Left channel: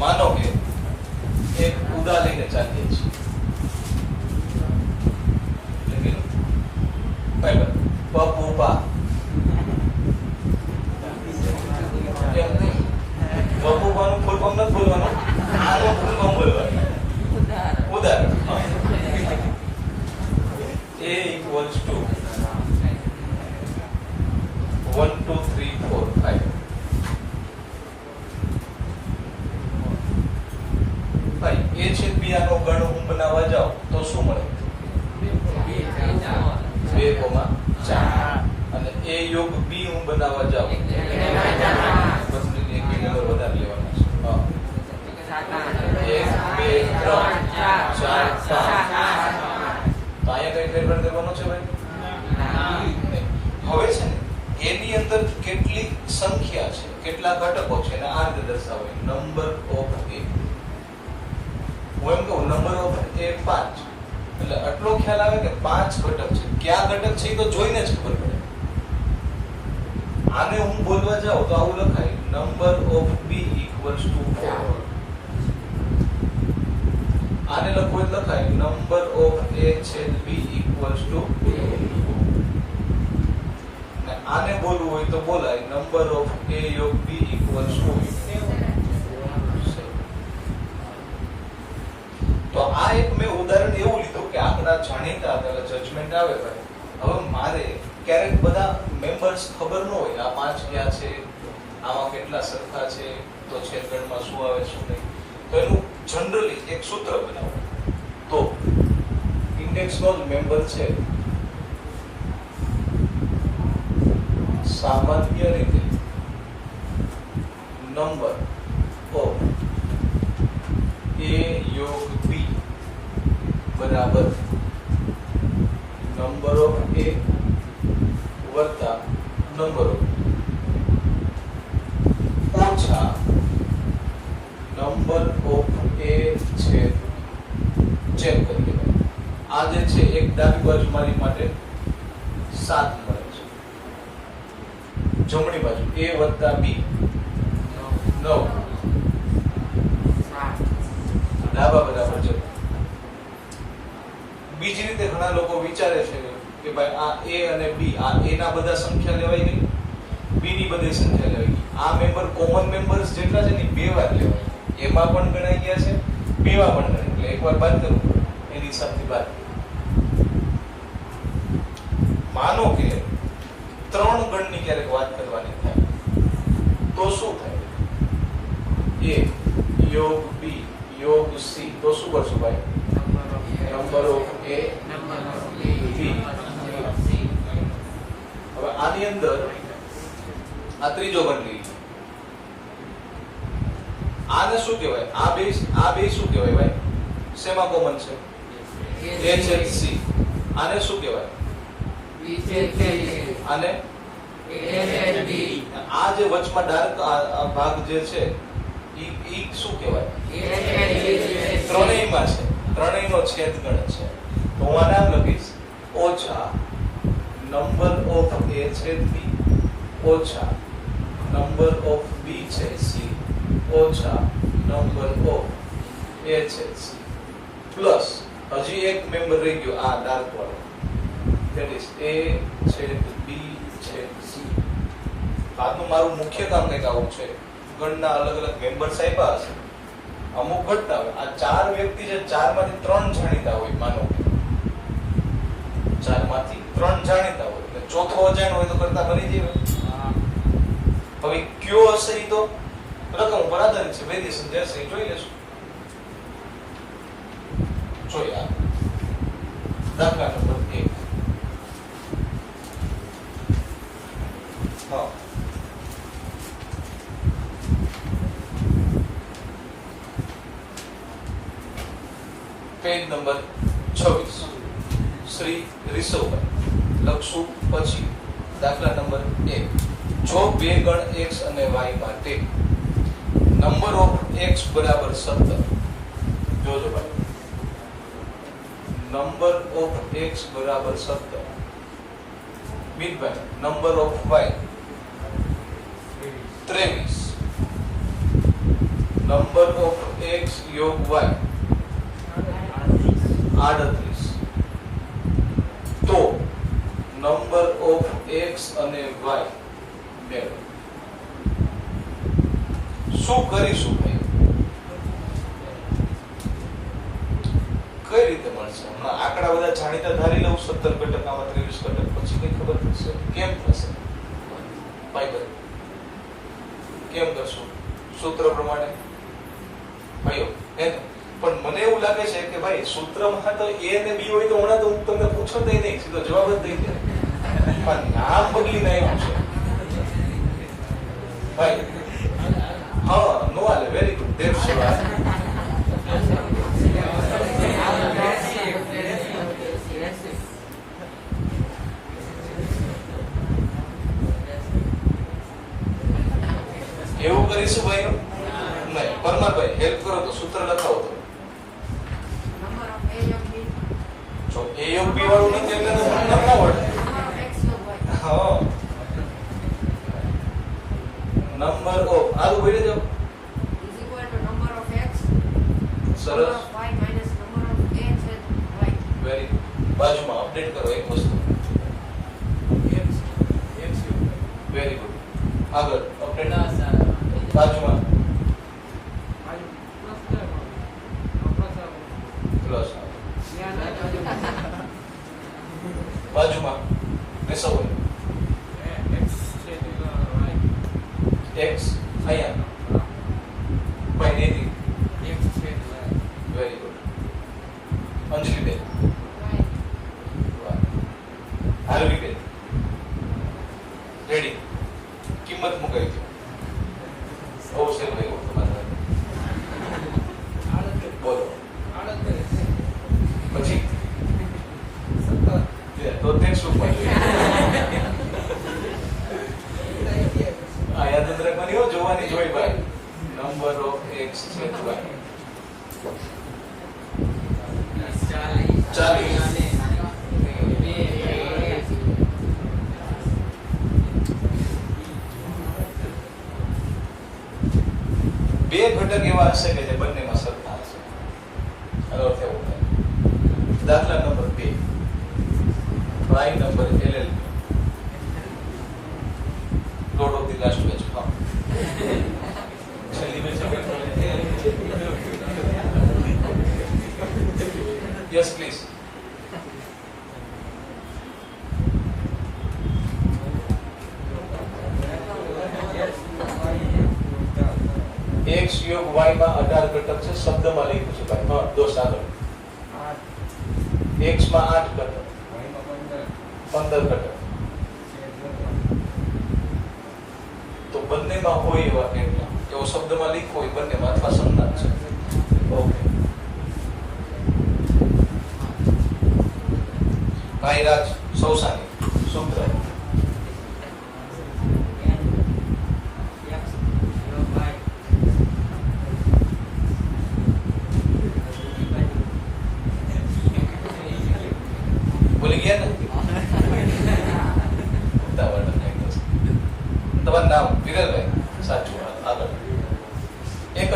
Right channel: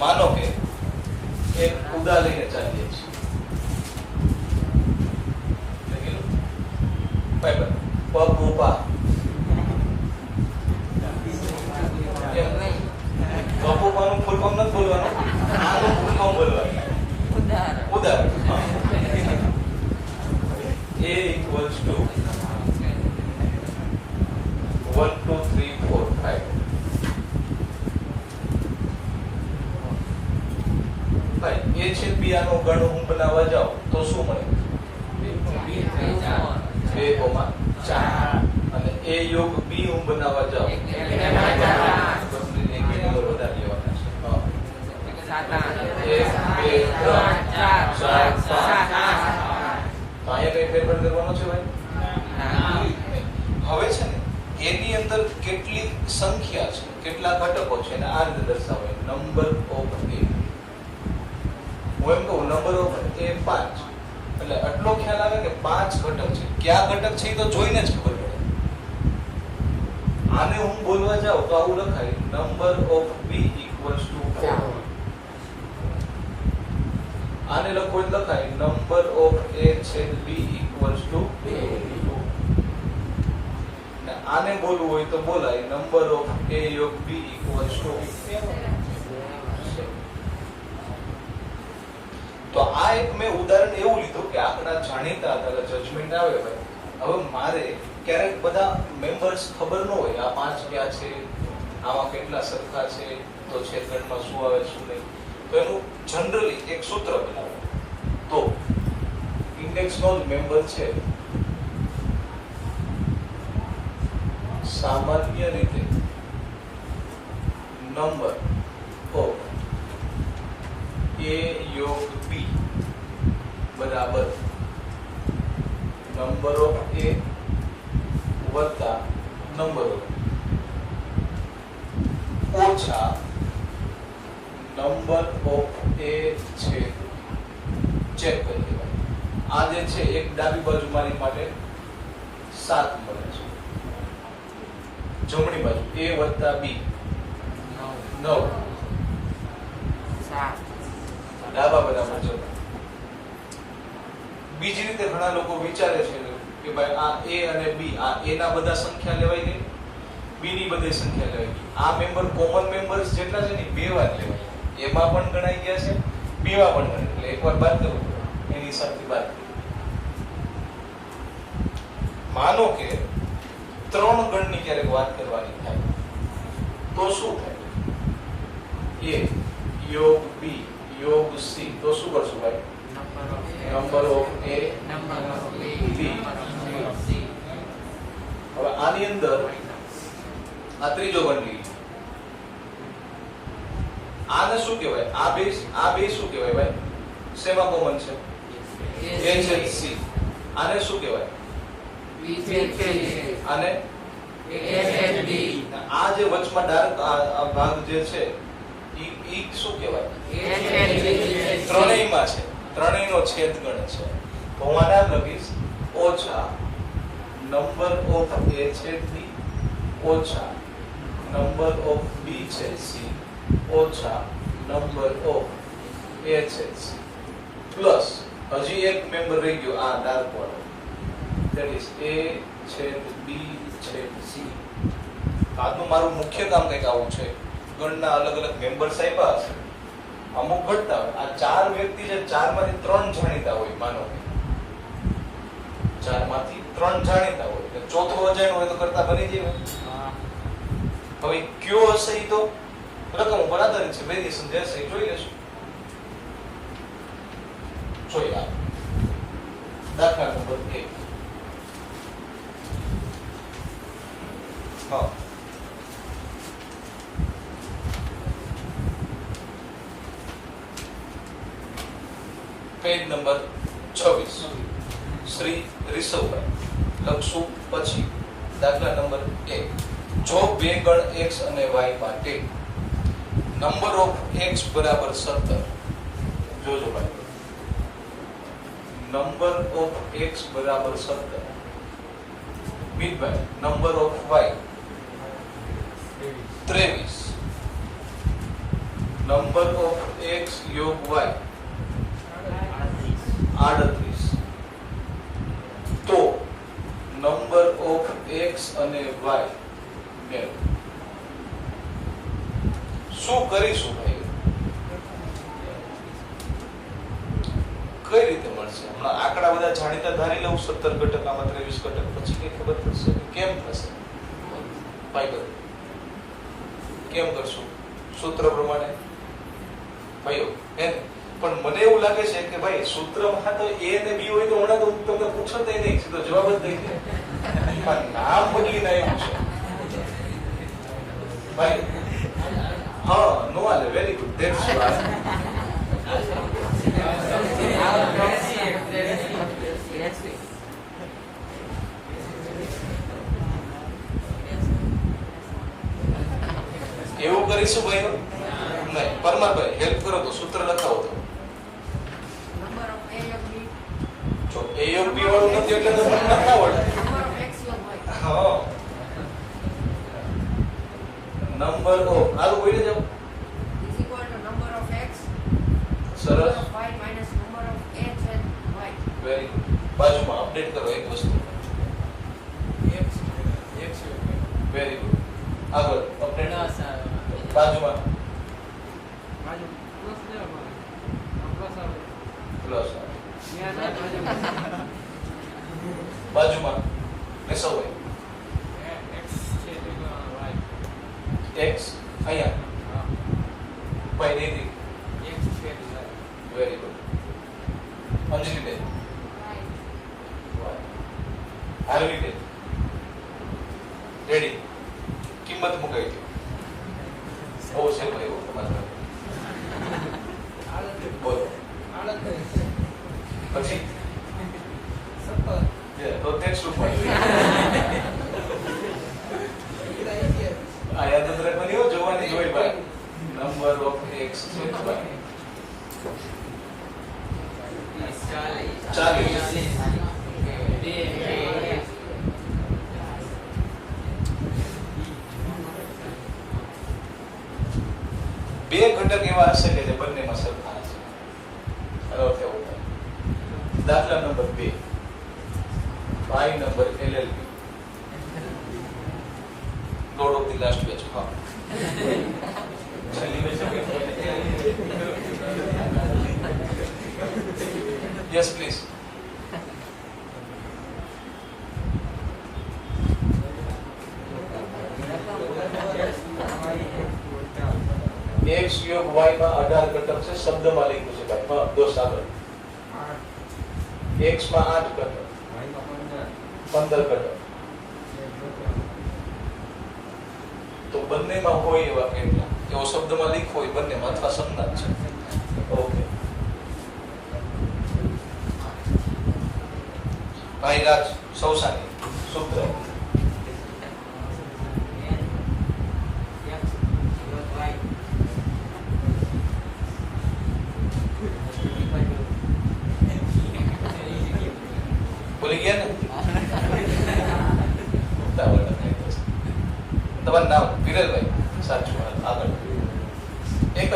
માનો કે એક ઉદા લઈને ચાલીએ છીએ પપુપા પપુપાનું ફૂલ ફોર્મ નથી બોલવાનું, આનું ફૂલ ફોર્મ બોલવાનું. ઉદાહરણ A equals to 1 2 3 4 5. ભાઈ A છેદ B આનો ગણ હું બનાવવા જાઉં તો શું મળે? 2,4 અને A યોગ B હું બનાવવા જાઉં બસની એક નંબર વધારે લેવાના છે. 1 2 3 4 5. તો અહીંયા કઈ ફેરફાર કરવાનો છે ભાઈ? હવે છે ને એની અંદર કેટલી સંખ્યા છે, કેટલા ઘટકો છે અને આ રીતે દર્શાવાય નંબર ઓફ A. હું એમ કહું નંબર ઓફ A 5, એટલે આટલો ખ્યાલ આવે કે 5 ઘટક છે. કયા ઘટક છે એ તો જોઈને જ ખબર પડે. આને હું બોલવા જાઉં તો આવું લખાય number of B equals to 4. આને લખો એટલે લખાય નંબર ઓફ A છેદ B equals to 2. અને આને બોલવું હોય તો બોલાય નંબર ઓફ A યોગ B equals to 7. તો આ એક મેં ઉદાહરણ એવું લીધું કે આંકડા જાણીતા હતા, જજમેન્ટ આવે ભાઈ. હવે મારે ક્યારેક બધા મેમ્બર્સ ખબર ન હોય આ 5 ક્યાં છે, આમાં કેટલા સરખા છે, તો છેદગણમાં શું આવે શું નહીં, તો એનું જનરલી એક સૂત્ર બનાવો. તો ઇન્ડેક્સનો જ મેમ્બર છે સામાન્ય રીતે નંબર ઓફ A યોગ B બરાબર નંબર ઓફ A વત્તા નંબર ઓફ ઓછા નંબર ઓફ A છેદ ચેક કરીએ. આ જે છે એક ડાબી બાજુ મારી માટે 7 મળે છે, જમણી બાજુ A વત્તા B 9, ડાબા બરાબર છે. બીજી રીતે ઘણા લોકો વિચારે છે કે ભાઈ આ A અને B, આ A ના બધા સંખ્યા લેવાય ગઈ, B ની બધી સંખ્યા લેવાય ગઈ. આ મેમ્બર કોમન મેમ્બર્સ જેટલા છે ને 2 વાર લેવાય, એમાં પણ ગણાઈ ગયા છે, B માં પણ ગણાય, એટલે એકવાર બાદ કરવું પડે એની હિસાબથી બાદ. માનો કે 3 ગણની ક્યારેક વાત કરવાની થાય તો શું થાય? A યોગ B યોગ C, તો શું કરશું ભાઈ? Number of A B. હવે આની અંદર આ ત્રીજો ગણ લઈએ. આને શું કહેવાય? આ બે શું કહેવાય ભાઈ? શેમાં કોમન છે? A છેદ C. આને શું કહેવાય? B છેદ C. અને આ જે વચમાં ડાર્ક ભાગ જે છે ઈ શું કહેવાય? ત્રણેયમાં છે, ત્રણેયનો છેદ ગણ છે. તો હું આને આમ લખીશ ઓછા નંબર ઓફ A છેદ B ઓછા નંબર ઓફ B છેદ C ઓછા નંબર ઓફ A છેદ C પ્લસ હજી એક મેમ્બર રહી ગયો આ ડાર્ક વાળો, ધેટ ઇઝ A છેદ B છેદ C. આજનું મારું મુખ્ય કામ કંઈક આવું છે. ગણના અલગ અલગ મેમ્બર્સ આપ્યા હશે, અમુક ઘટના હોય. આ 4 વ્યક્તિ છે, 4 માંથી 3 જાણીતા હોય. માનો 4 માંથી 3 જાણીતા હોય, એટલે ચોથો અજાણ હોય તો કરતા બની જાય. હવે કયો હશે એ તો રકમ ઉપર આધારિત છે, વેરિએશન જે હશે એ જોઈ લેશું. જોઈએ દાખલા નંબર 1. હા, પેજ નંબર 26 શ્રી રિષવભાઈ લખશું. પછી દાખલા નંબર 1. જો બે ગણ x અને y માટે નંબર ઓફ x બરાબર 17, જોજો ભાઈ, નંબર ઓફ x બરાબર 17, મિતભાઈ number of y 23, number of x યોગ y 38. તો નંબર ઓફ x અને y મેળવો. શું કરીશું ભાઈ? કઈ રીતે મળશે? હમણાં આંકડા બધા જાણીતા ધારી લઉં, 17 ઘટક, આમાં 23 ઘટક, પછી કઈ ખબર પડશે કેમ થશે? ભાઈ કરો કેમ કરશું? સૂત્ર પ્રમાણે ભાઈઓ હે ને? પણ મને એવું લાગે છે કે ભાઈ સૂત્રમાં તો a ને b હોય તો હમણાં તો હું તમને પૂછત નહીં, સીધો જવાબ જ દઈ દે. પણ નામ બદલીને એવું છે ભાઈ. હા, નો હાલે. Very good. That's right. એવું કરીશું ભાઈ? નહીં. પરમારભાઈ હેલ્પ કરો તો સૂત્ર લખાવો તો. જો a યોગ b વાળું નથી એટલે તો મને ના આવડે. હા, નંબર ઓફ આલું બોલી જાવ. સરસ. વેરી બાજુમાં અપડેટ કરો એક વસ્તુ. Very good. આગળ અપડેટ બાજુમાં પ્લસ બાજુમાં કશો હોય x અહીંયા ભાઈ નથી. Very good. અંજલિ બેન આરવી બેન રેડી. કિંમત મુકાઈ ગઈ. ઓ છે ભાઈ તમારે બોલો પછી તો થેન્ક્સ ટુ પોઈન્ટ આ યાદ જ રાખવાની હો, જોવાની જોઈ ભાઈ. નંબર ઓફ x છે ભાઈ 40. બે ઘટક એવા હશે કે જે બંનેમાં સરખા હશે. એનો અર્થ એવો થાય. દાખલા number 2 by number LLB. Lord of the last batch. હા. છેલ્લી બેચ. Yes, please. x યોગ y માં 18 ઘટક છે. શબ્દમાં લખ્યું છે ભાઈ. હા, દોસ્ત આગળ. x માં 8 ઘટક, 15 ઘટક. તો બંનેમાં હોય એવા કેટલા? એવો શબ્દમાં લખ્યો હોય બંનેમાં અથવા સંજ્ઞા છે. ઓકે. ભાઈ રાજ સૌસાની સૂત્ર બોલી ગયા ને? તમારું નામ વિરલભાઈ? સાચું. આગળ એક જ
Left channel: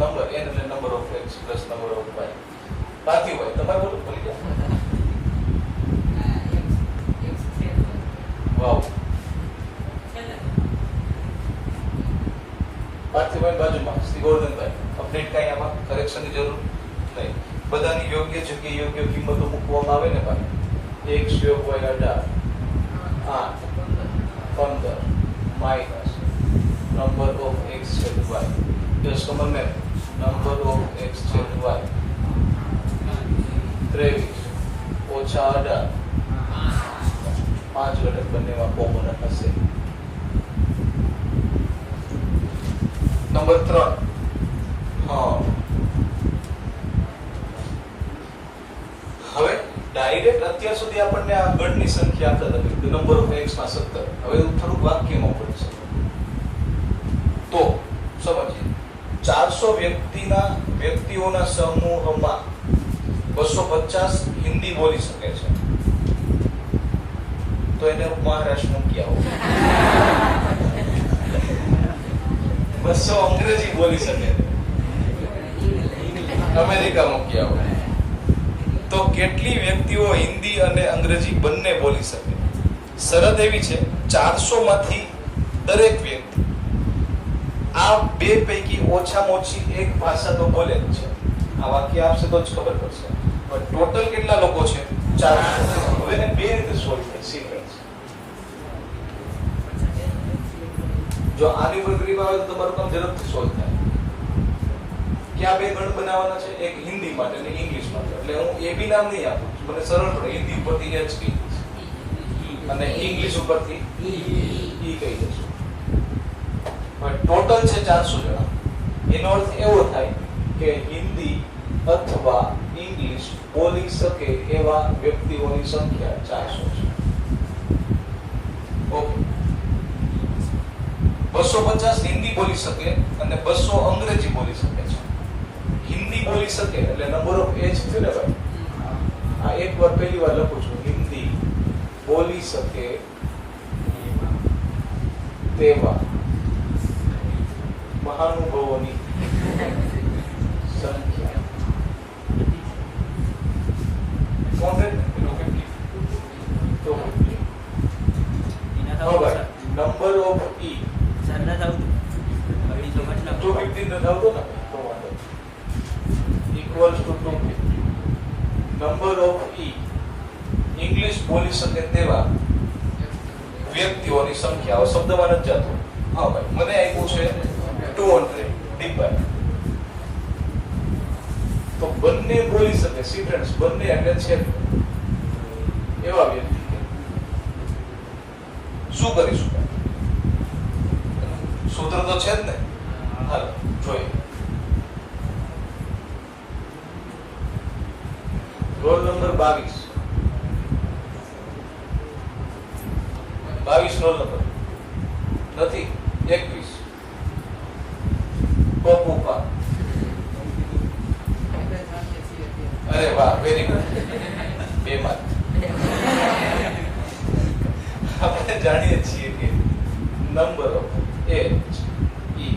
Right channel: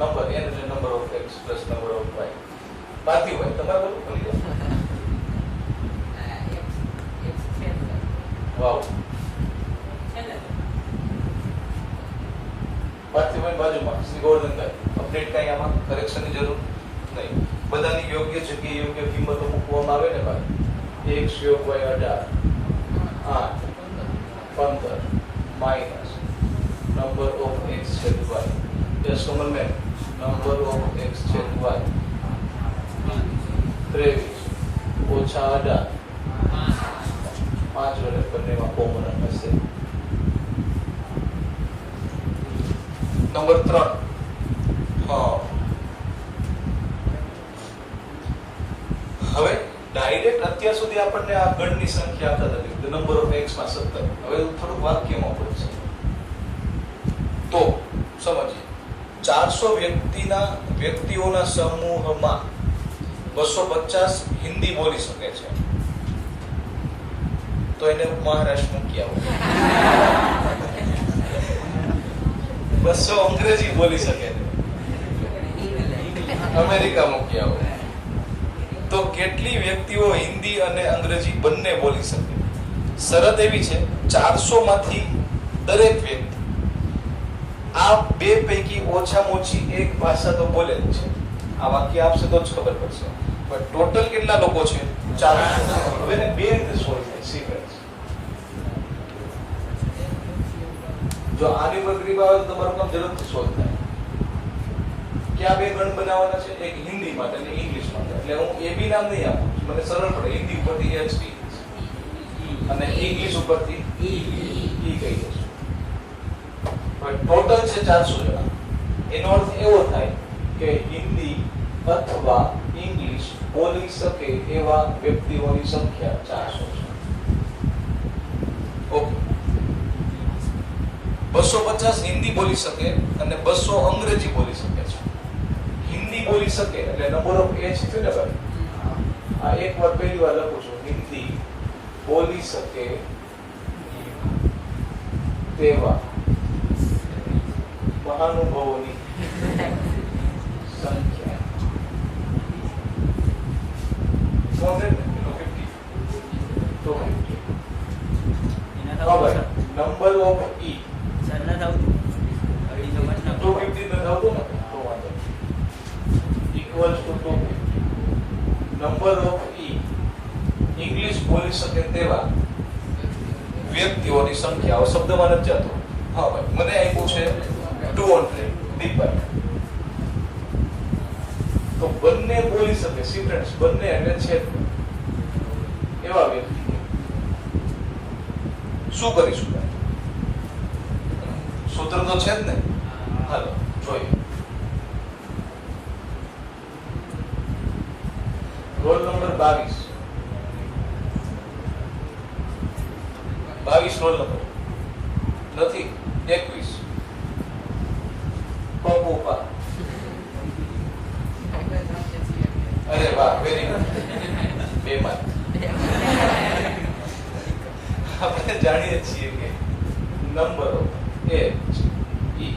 નંબર n એટલે number of x plus number of y. પાર્થિવભાઈ તમારે બોલું બોલી ગયા? વાવ. પાર્થિવભાઈ બાજુમાં શ્રી ગોવર્ધનભાઈ. અપડેટ કઈ આમાં કરેક્શનની જરૂર નહીં. બધાની યોગ્ય જગ્યાએ યોગ્ય કિંમતો મૂકવામાં આવે ને ભાઈ. x યોગ y 18 8 15 minus number of x છેદ y. Just come on ma'am. Number of x છેદ y 23 ઓછા 18 5 ઘટક બંનેમાં કોમન હશે. નંબર 3. હા, હવે ડાયરેક્ટ અત્યાર સુધી આપણને આ ગણની સંખ્યા આપતા નથી. નંબર ઓફ x માં 17. હવે થોડુંક વાક્યમાં પડશે તો સમજીએ. 400 વ્યક્તિઓના સમૂહમાં 250 હિન્દી બોલી શકે છે. તો એને હું મહારાષ્ટ્ર મૂકી આવું. 200 અંગ્રેજી બોલી શકે, અમેરિકા મૂકી આવો. તો કેટલી વ્યક્તિઓ હિન્દી અને અંગ્રેજી બંને બોલી શકે? શરત એવી છે 400 માંથી દરેક વ્યક્તિ આ બે પૈકી ઓછામાં ઓછી એક ભાષા તો બોલે જ છે. આ વાક્ય આપશે તો જ ખબર પડશે. પણ ટોટલ કેટલા લોકો છે? 400. હવે એને બે રીતે સોલ્વ થાય. સી ફ્રેન્ડ્સ, જો આની પ્રક્રિયા આવે તો તમારું કામ ઝડપથી સોલ્વ થાય. ક્યાં બે ગણ બનાવવાના છે? એક હિન્દી માટે અને ઇંગ્લિશ માટે. એટલે હું એ બી નામ નહીં આપું, મને સરળ પડે. હિન્દી ઉપરથી HT અને ઇંગ્લિશ ઉપરથી ઈ કહી દઈશું. ટોટલ છે 400 જણા. એનો અર્થ એવો થાય કે હિન્દી અથવા ઇંગ્લિશ બોલી શકે એવા વ્યક્તિઓની સંખ્યા 400 છે. ઓકે, 250 હિન્દી બોલી શકે અને 200 અંગ્રેજી બોલી શકે છે. હિન્દી બોલી શકે એટલે નંબર ઓફ એજ છે ને ભાઈ. આ એક વાર પહેલી વાર લખું છું. હિન્દી બોલી શકે તેવા મહાનુભાવોની સંખ્યા number of E equals to 250. Number of E English બોલી શકે તેવા વ્યક્તિઓની સંખ્યા. શબ્દમાં નથી જતો. હા ભાઈ, મને આપ્યું છે 200 ડિવાઇડ. તો બંને બોલી શકે. સી ફ્રેન્ડ્સ, બંને એટલે છે એવા વ્યક્તિ શું કરીશું? સૂત્ર તો છે જ ને. હાલો જોઈએ. રોલ નંબર 22 રોલ નંબર નથી. 21 ટોપુપા. અરે વાહ, વેરી ગુડ. 2 માર્ક. આપણે જાણીએ છીએ કે number of H E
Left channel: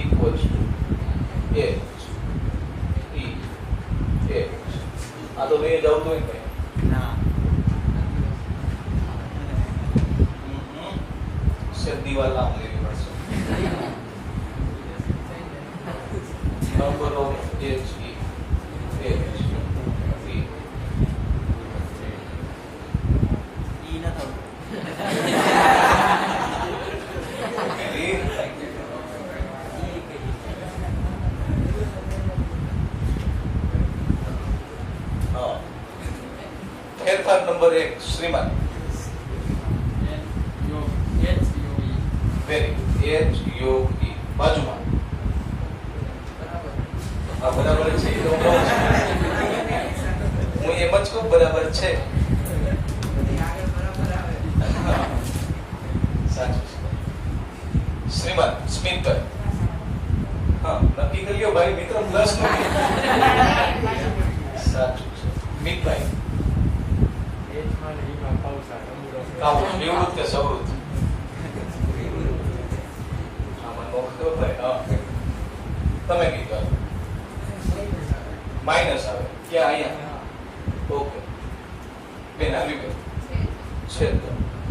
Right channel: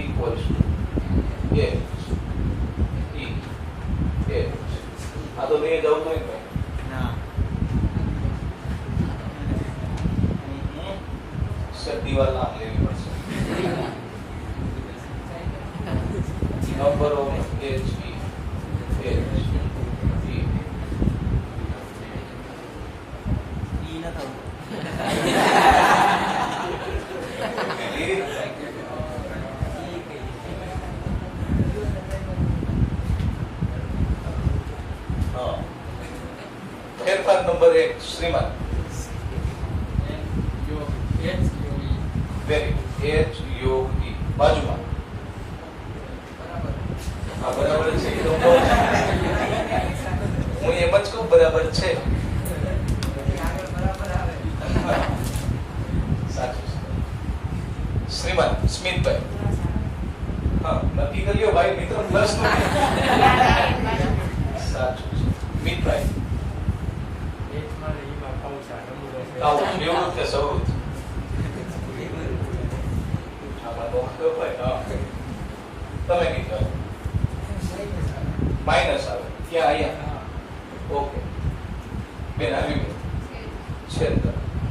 equals to H E H. આ તો નહીં જવું તો ના દિવાલ નામ લેવી પડશે. Number of H E H E ના થવું. ફેરફાર નંબર 1 શ્રીમાન. વેરી H U E બાજુમાં. હા બરાબર છે. એ તો હું એમ જ કહું બરાબર છે. સાચું છે શ્રીમાન સ્મિતભાઈ. હા નક્કી કરી લ્યો ભાઈ, મિત્રો પ્લસ નો. સાચું છે મિતભાઈ. નિવૃત્ત કે સવૃત્ત? તમે કીધું માઇનસ આવે. ક્યાં? અહીંયા. ઓકે બેન આવી ગઈ છે.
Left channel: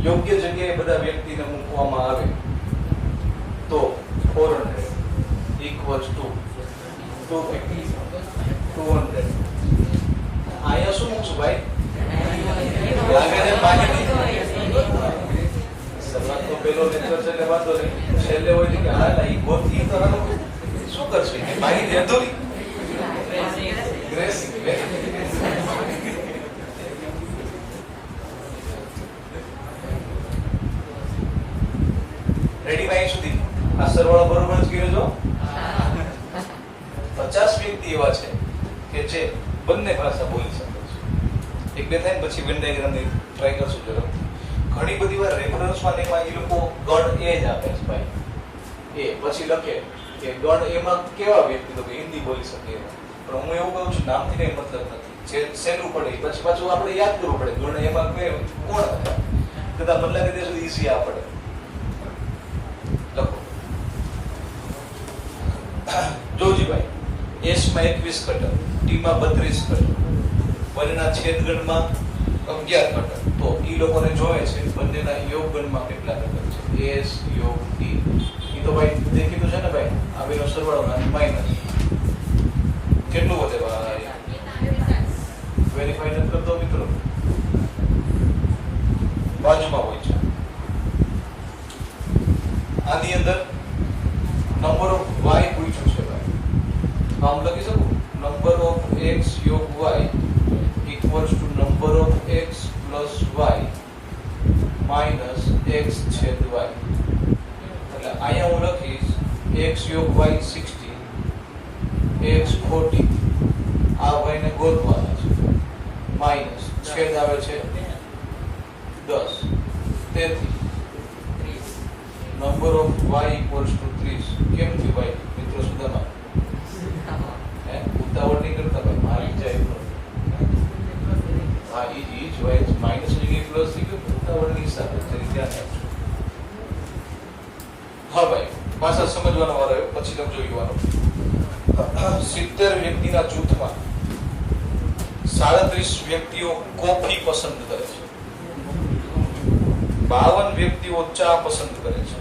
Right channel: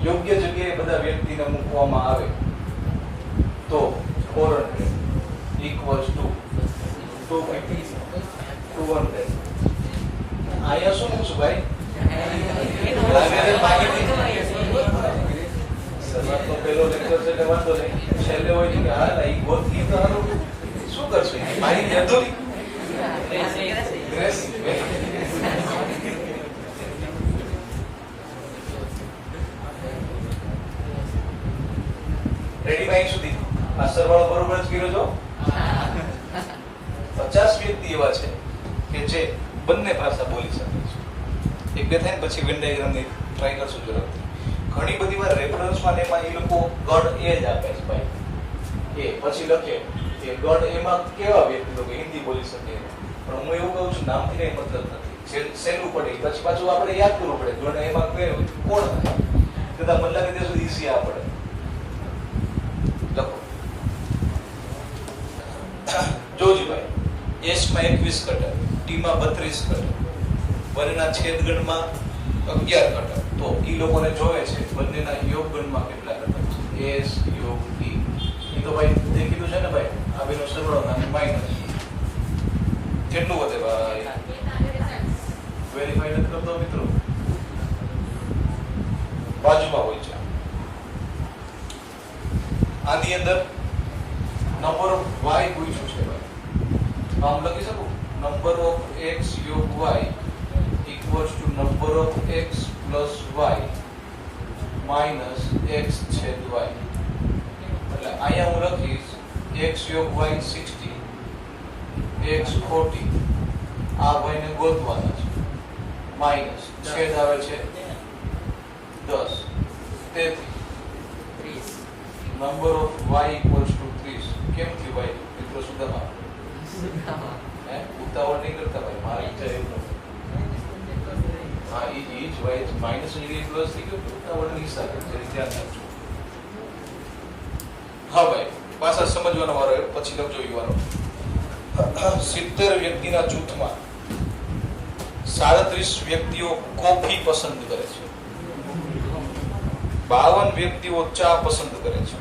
યોગ્ય જગ્યાએ બધા વ્યક્તિને મૂકવામાં આવે તો 400 equals to 250 200. અહીંયા શું મૂકશું ભાઈ? લાગે છે માહિતી. સવાલ તો પેલો લેક્ચર છે એટલે વાંધો નહીં. છેલ્લે હોય કે હા ઈ ગોથી તો હાલો શું કરશું? એ માહિતી અધૂરી. ગ્રેસિંગ રેડી ભાઈ સુધી આ સરવાળો બરોબર જ કર્યો છો. 50 વ્યક્તિ એવા છે કે જે બંને ભાષા બોલી શકે છે. એક બે થાય પછી વેન ડાયાગ્રામ ની ટ્રાય કરશું ઝડપથી. ઘણી બધી વાર રેફરન્સમાં એમાં એ લોકો ગણ એ જ આપે છે ભાઈ. એ પછી લખે કે ગણ એમાં કેવા વ્યક્તિ તો કે હિન્દી બોલી શકે. પણ હું એવું કહું છું નામથી કઈ મતલબ નથી. જે સહેલું પડે પછી પાછું આપણે યાદ કરવું પડે. ગણ એમાં કોણ હતા? કદાચ મને લાગે ત્યાં સુધી ઈઝી આ પડે. લખો જોજીભાઈ, એસ માં 21 કટર, ટી માં 32 કટર, બંનેના છેદગણમાં 11 કટર. તો ઈ લોકોને જોવે છે બંનેના યોગગણમાં કેટલા કટર છે. એસ યોગ ટી. ઈ તો ભાઈ દેખીતું છે ને ભાઈ, આ બેનો સરવાળો અને માઈનસ કેટલું વધે ભાઈ? વેરીફાઈ નથી કરતો મિત્રો, બાજુમાં હોય છે. આની અંદર નંબર ઓફ વાય પૂછ્યું છે ભાઈ. આમ લખી શકું, નંબર ઓફ એક્સ યોગ y equals to number of x plus y minus x છેદ વાય. એટલે અહીંયા હું લખીશ એક્સ યોગ વાય 60, એક્સ 40, આ વાય ને ગોતવાના છે, માઇનસ છેદ આવે છે 10. તેથી number of y equals to 30. કેમ થયું ભાઈ મિત્રો? સુધામાં ઉતાવળ નહીં કરતા ભાઈ, મારે વિચાર હા ઈ જ વાય માઇનસ ડિગ્રી પ્લસ થઈ ગયું, ઉતાવળની સાથે ધ્યાન આપજો. હા ભાઈ, પાછા સમજવાનો વારો આવ્યો, પછી લખજો યુવાનો. 70 વ્યક્તિના જૂથમાં 37 વ્યક્તિઓ કોફી પસંદ કરે છે, 52 વ્યક્તિઓ ચા પસંદ કરે છે,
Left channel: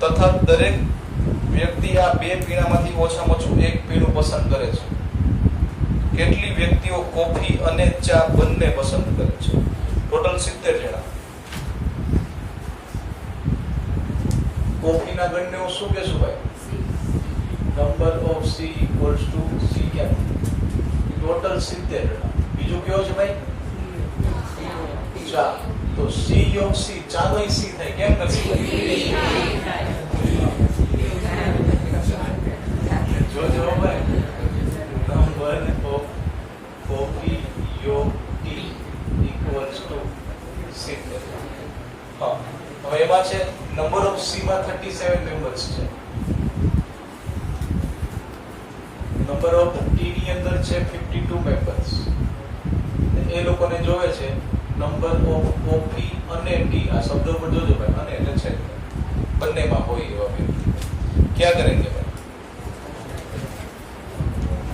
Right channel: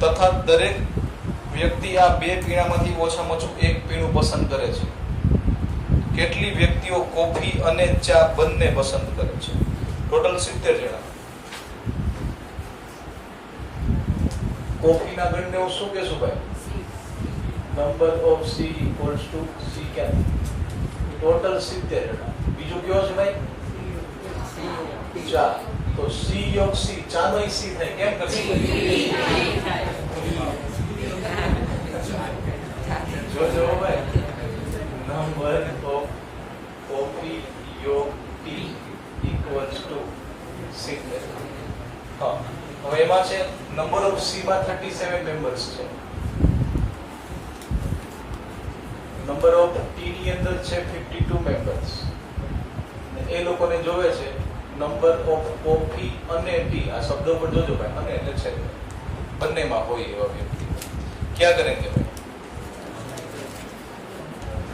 તથા દરેક વ્યક્તિ આ બે પીણામાંથી ઓછામાં ઓછું એક પીણું પસંદ કરે છે. કેટલી વ્યક્તિઓ કોફી અને ચા બંને પસંદ કરે છે? ટોટલ 70 જણા. કોફીના ગણને હું શું કહેશું ભાઈ? Number of C equals to C ક્યાં? ટોટલ 70 જણા. બીજું કયો છે ભાઈ? ચા. તો સી યોગ સી, ચા નો સી થાય. કેમ કરશે? જોજો ભાઈ, નંબર ઓફ કોફી યોગ ટી ઇક્વલ્સ ટુ 70. હા, હવે એમાં છે નંબર ઓફ સી માં 37 મેમ્બર્સ છે, નંબર ઓફ ટી ની અંદર છે 52 મેમ્બર્સ. એ લોકોને જોવે છે નંબર ઓફ કોફી અને ટી. આ શબ્દો પર જોજો ભાઈ, અને એટલે છે બંનેમાં હોય એવા વ્યક્તિ. ક્યાં કરેંગે ભાઈ?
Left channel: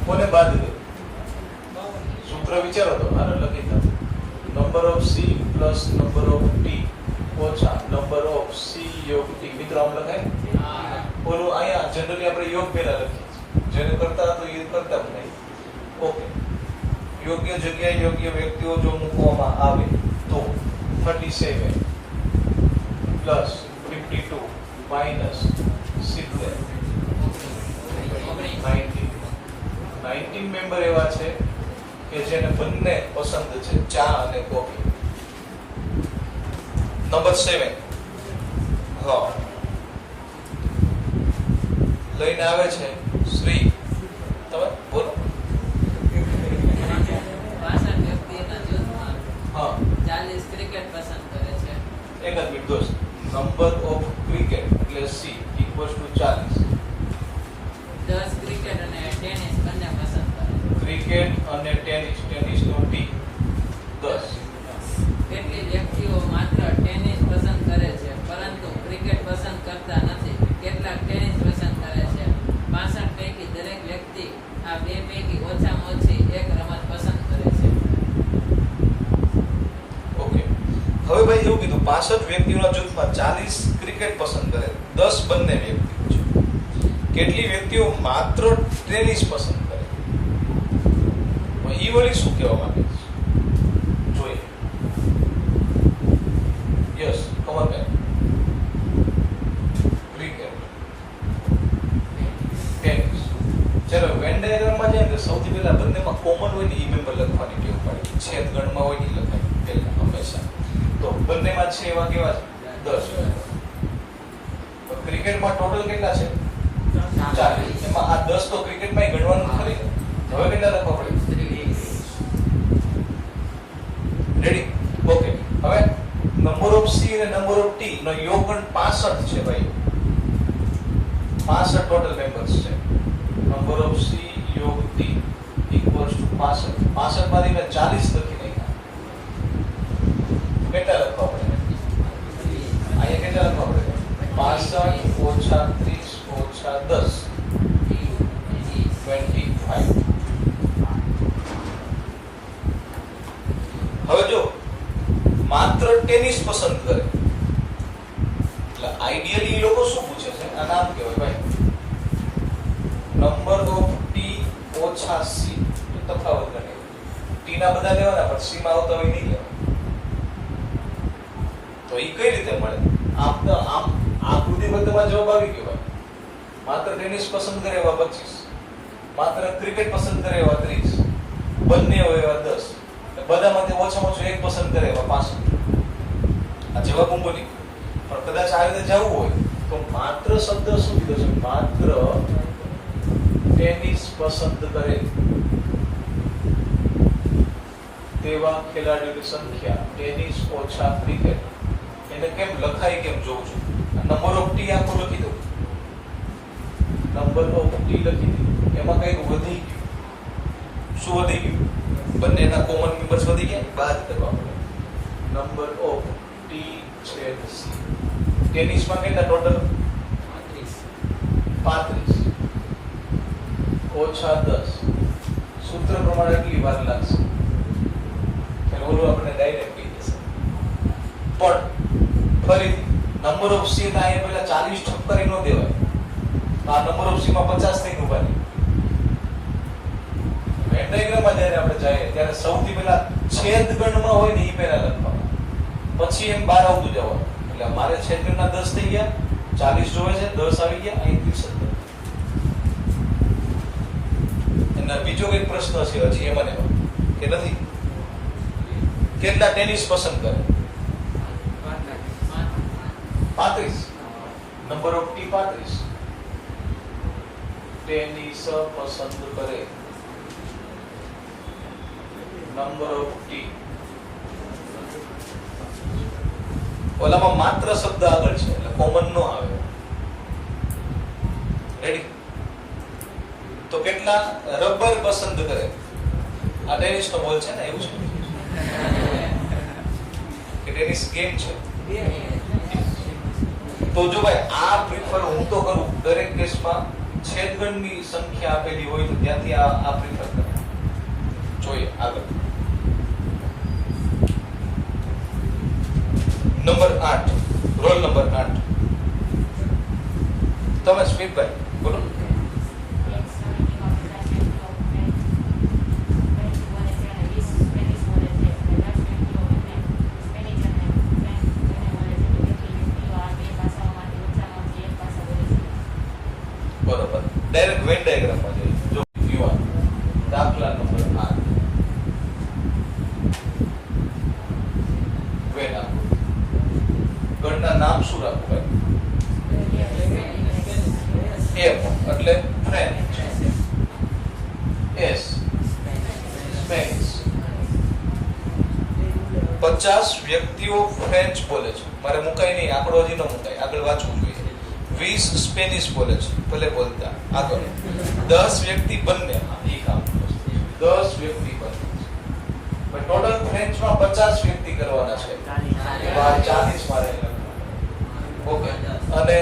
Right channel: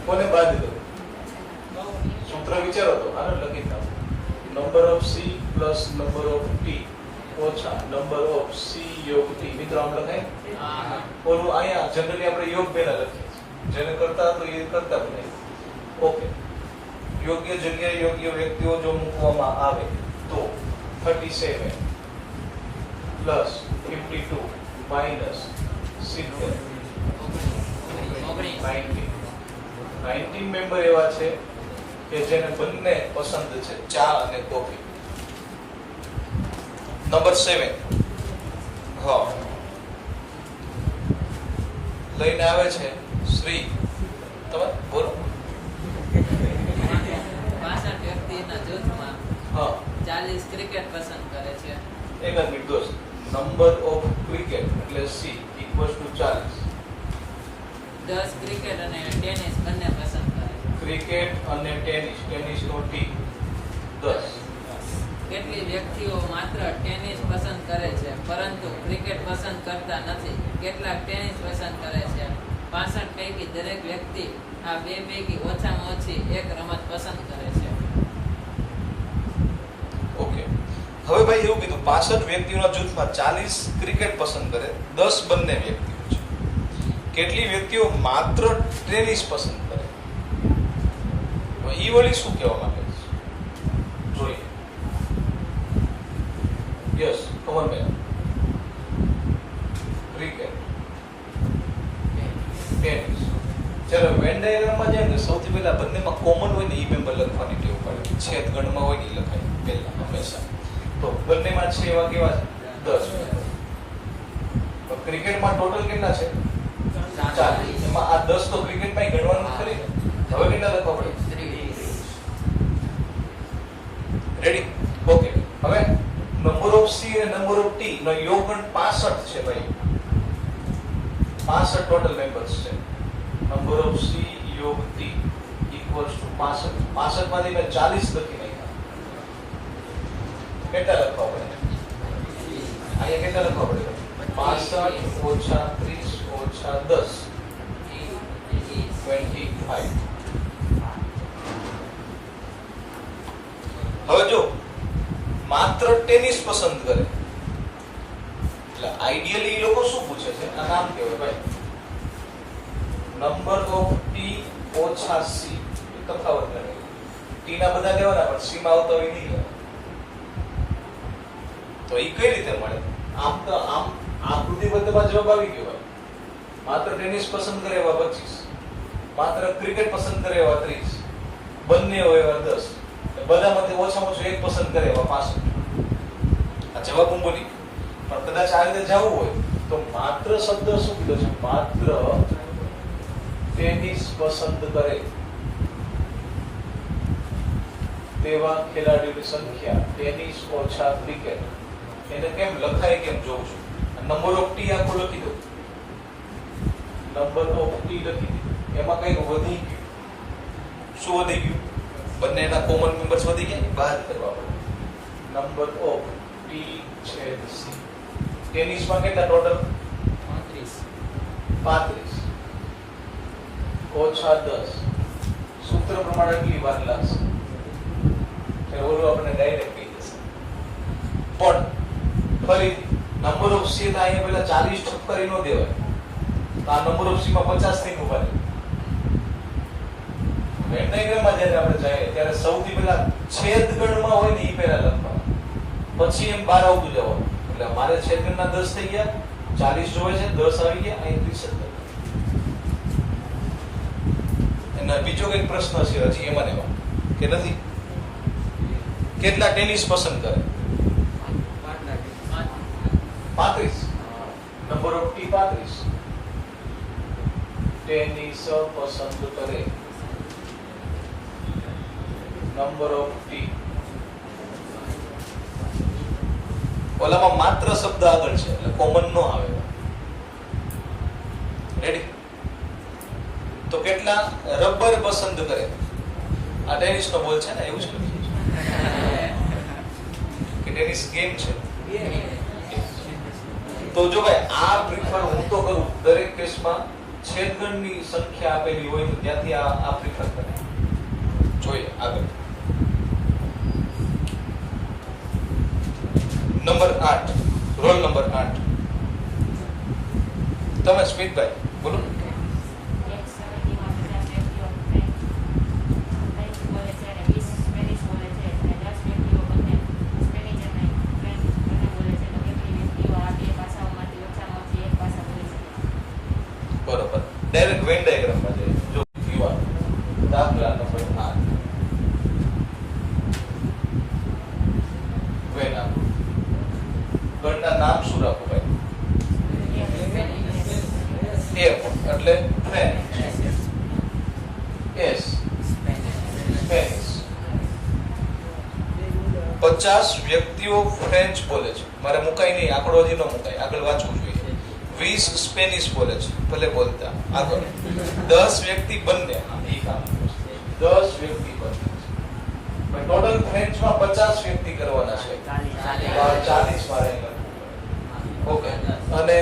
કોને બાદ લે? સૂત્ર વિચારો તો આને લખી દો. Number of C plus number of T ઓછા નંબર ઓફ સી યોગ ટી. મિત્રો આમ લખાય? ઓલું અહીંયા જનરલી આપણે યોગ પહેલા લખીએ, જેને કરતા તો એ કરતા બનાવી. ઓકે, યોગ્ય જગ્યાએ યોગ્ય વ્યક્તિઓ જો મૂકવામાં આવે તો 37 પ્લસ 52 માઇનસ 70 19 મેમ્બર એવા છે કે જેને બંને પસંદ છે, ચા અને કોફી. નંબર 7 હા લઈને આવે છે શ્રી. તમે બોલો. 62 વ્યક્તિના જૂથમાં હા 40 ક્રિકેટ પસંદ કરે છે. એક જ મિનિટ દોસ્ત. નંબર ઓફ ક્રિકેટ એટલે સી ઇક્વલ્સ ટુ 40. 10 ક્રિકેટ અને ટેનિસ બંને પસંદ કરે છે. ક્રિકેટ અને ટેનિસ, ટેનિસ નો ટી 10. કેટલી વ્યક્તિઓ માત્ર ટેનિસ પસંદ કરે છે પરંતુ ક્રિકેટ પસંદ કરતા નથી? કેટલાક ટેનિસ પસંદ કરે છે? 65 પૈકી દરેક વ્યક્તિ આ બે પૈકી ઓછામાં ઓછી એક રમત પસંદ કરે છે. ઓકે, હવે ભાઈ એવું કીધું 65 વ્યક્તિઓના જૂથમાં 40 ક્રિકેટ પસંદ કરે, 10 બંને વ્યક્તિઓ છે. કેટલી વ્યક્તિઓ માત્ર ટેનિસ પસંદ કરે? ઈ વળી શું કહેવા માંગે છે જોઈએ. યસ, કમન બેન. Cricket, tennis. જ્યારે વેન ડાયાગ્રામમાં જાય ને સૌથી પહેલા બંનેમાં કોમન હોય ને ઈ મેમ્બર લખવાની ટેવ પાડે. છેદ ગણમાં હોય ને લખવાની પહેલા હંમેશા. તો બંનેમાં છે એવા કેવા છે? 10. ક્રિકેટમાં ટોટલ કેટલા છે? 40. એમાં આ 10 તો ક્રિકેટમાં ગણવાનું ખરી ને. હવે કેટલા લખવા પડે? રેડી? ઓકે, હવે નંબર ઓફ સી અને નંબર ઓફ ટી નો યોગગણ 65 છે ભાઈ. 65 ટોટલ મેમ્બર્સ છે. નંબર ઓફ સી યોગ ટી ઇક્વલ્સ ટુ 65. 65 માંથી મેં 40 લખી નાખ્યા. કેટલા લખવા પડે? અહીંયા કેટલા લખવા પડે? 65 ઓછા 30 ઓછા 10 25. હવે જો માત્ર ટેનિસ પસંદ કરે એટલે આઈડિયલી એ લોકો શું પૂછે છે? આ નામ કહેવાય ભાઈ નંબર ઓફ ટી ઓછા સી. તફાવત ગણે ટી ના બધા લેવાના પણ સી માં આવતા હોય નહીં લેવા. તો એ કઈ રીતે મળે? આમ તો આમ આકૃતિબદ્ધમાં જવાબ આવી ગયો ભાઈ. માત્ર ટેનિસ પસંદ કરે એવા 25, માત્ર ક્રિકેટ પસંદ કરે એવા 30, બંને હોય એવા 10, બધામાંથી ઓછામાં ઓછું એક પસંદ કરે એવા 65. આ જવાબ હું બોલી. પણ કદાચ આ રીતે જવું હોય તો માત્ર શબ્દ શું કીધો છે? માત્ર ટેનિસ પસંદ કરે તેવા ખેલાડીઓની સંખ્યા ટેનિસ ઓછા ક્રિકેટ. એને કેમ લખાય કેમ જોઉં છું. નંબર ઓફ ટી આખો લખી દઉં. નંબર ઓફ ટી લખી દીધું. એમાં કઈક વધી ગયું. શું વધી ગયું? બંનેના કોમન મેમ્બર્સ વધી ગયા, બાદ કરવા પડે. નંબર ઓફ ટી છેદ સી. ટેનિસમાં કેટલા ટોટલ? 35 ઓછા 10. સૂત્ર પ્રમાણે કેટલી વાર લાગશે? ઓલું આપણે ડાયરેક્ટ કહી દેશે. પણ ફરીથી નંબર ઓફ સી ના અહીંયા પેલા 40 ઠપકરી નો દેવાય. આ નંબર ઓફ સી માં 50 થઈને ઉભા રહે. વેન ડાયાગ્રામમાં જ્યારે આપણે જઈએ ત્યારે સૌથી પહેલા છેદ ગણમાં હોય ને એ પહેલા લખવાનું, પછી એમ બહાર આવતું જવાનું. એટલે મારે છેદ ગણના 10 થઈ ગયા, 40 જોવે છે, 10 આવી ગયા, અહીં 30. અને બીજો કઈક પ્રશ્ન છે હજી એમાં કે નથી? કેટલા ટેનિસ પસંદ કરે? 35. Number of T 35. ટેનિસ પસંદ કરે નંબર ઓફ ટી. ઓલામાં માત્ર શબ્દ આગળ છે એટલે કોમન નો આવે. રેડી? તો કેટલા રબર પસંદ કરે? આ ટેનિસ નો બોલ છે ને, એવું જ કે ટેનિસ ગેમ છે. તો જો ભાઈ આ પ્રિફર હું તો કરું દરેક કેસમાં. છેદગણની સંખ્યા આપેલી હોય તો ત્યાંથી આ પ્રિફર કરે. જોઈએ આગળ. Number 8, roll number 8. તમે સ્પીડભાઈ બોલો. બરોબર. ડાયરેક્ટ વેન ડાયાગ્રામમાં જઈએ. જો યુવાન દાખલા નંબર 8. વેન આપો. ગણના નામ શું રાખવું ભાઈ? F એટલે ફ્રેન્ચ, S સ્પેનિશ. 50 વ્યક્તિઓ ફ્રેન્ચ બોલે છે. મારે મુકાય નહીં, આંકડો હજી ન મુકાય, આગળ વાંચવું જોઈએ. 20 સ્પેનિશ બોલે છે, ભલે બોલતા. આગળ 10 વ્યક્તિ બંને. એ કામ 10 વ્યક્તિ બંને. ટોટલ ફ્રેન્ચમાં 50 વ્યક્તિ કરવાના છે. 40 મારે. ઓકે. અને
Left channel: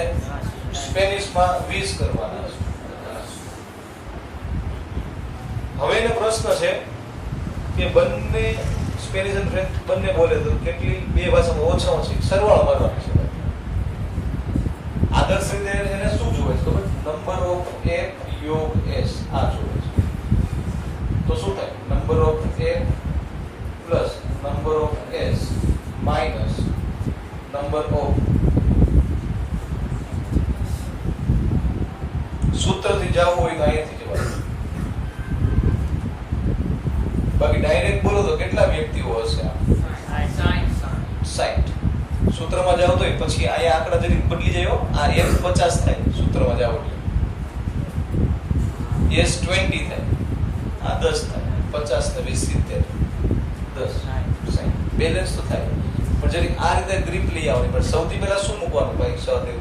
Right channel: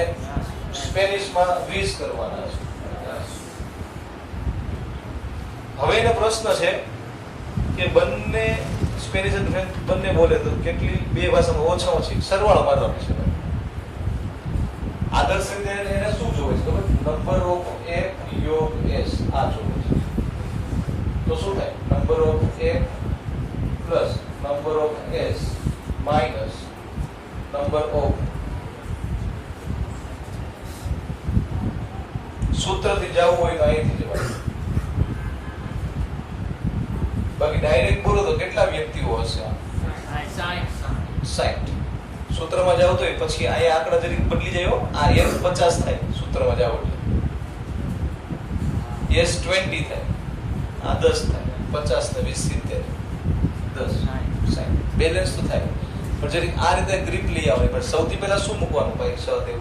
સ્પેનિશમાં 20 કરવાના છે. હવે એનો પ્રશ્ન છે કે બંને સ્પેનિશ અને ફ્રેન્ચ બંને બોલે તો કેટલી બે ભાષામાં ઓછામાં ઓછી સરવાળો મારવાની છે. આદર્શ રીતે એને શું જોવે છે ખબર? નંબર ઓફ F યોગ S આ જોવે છે. તો શું થાય? Number of F plus number of S minus number of. સૂત્રથી જવું હોય તો અહીંયાથી જવાનું. બાકી ડાયરેક્ટ બોલો તો કેટલા વ્યક્તિઓ હશે? 60. સૂત્રમાં જાવ તો પછી અહીંયા આંકડા જરીક બદલી જાય. આ F 50 થાય સૂત્રમાં જાવ એટલે S 20 થાય, આ 10 થાય, 50 ને 20 70, 10 60 બેલેન્સ તો થાય. પણ જરીક આ રીતે ગ્રીપ લઈ આવવાની. પણ સૌથી પહેલા શું મૂકવાનું ભાઈ? સહદેવ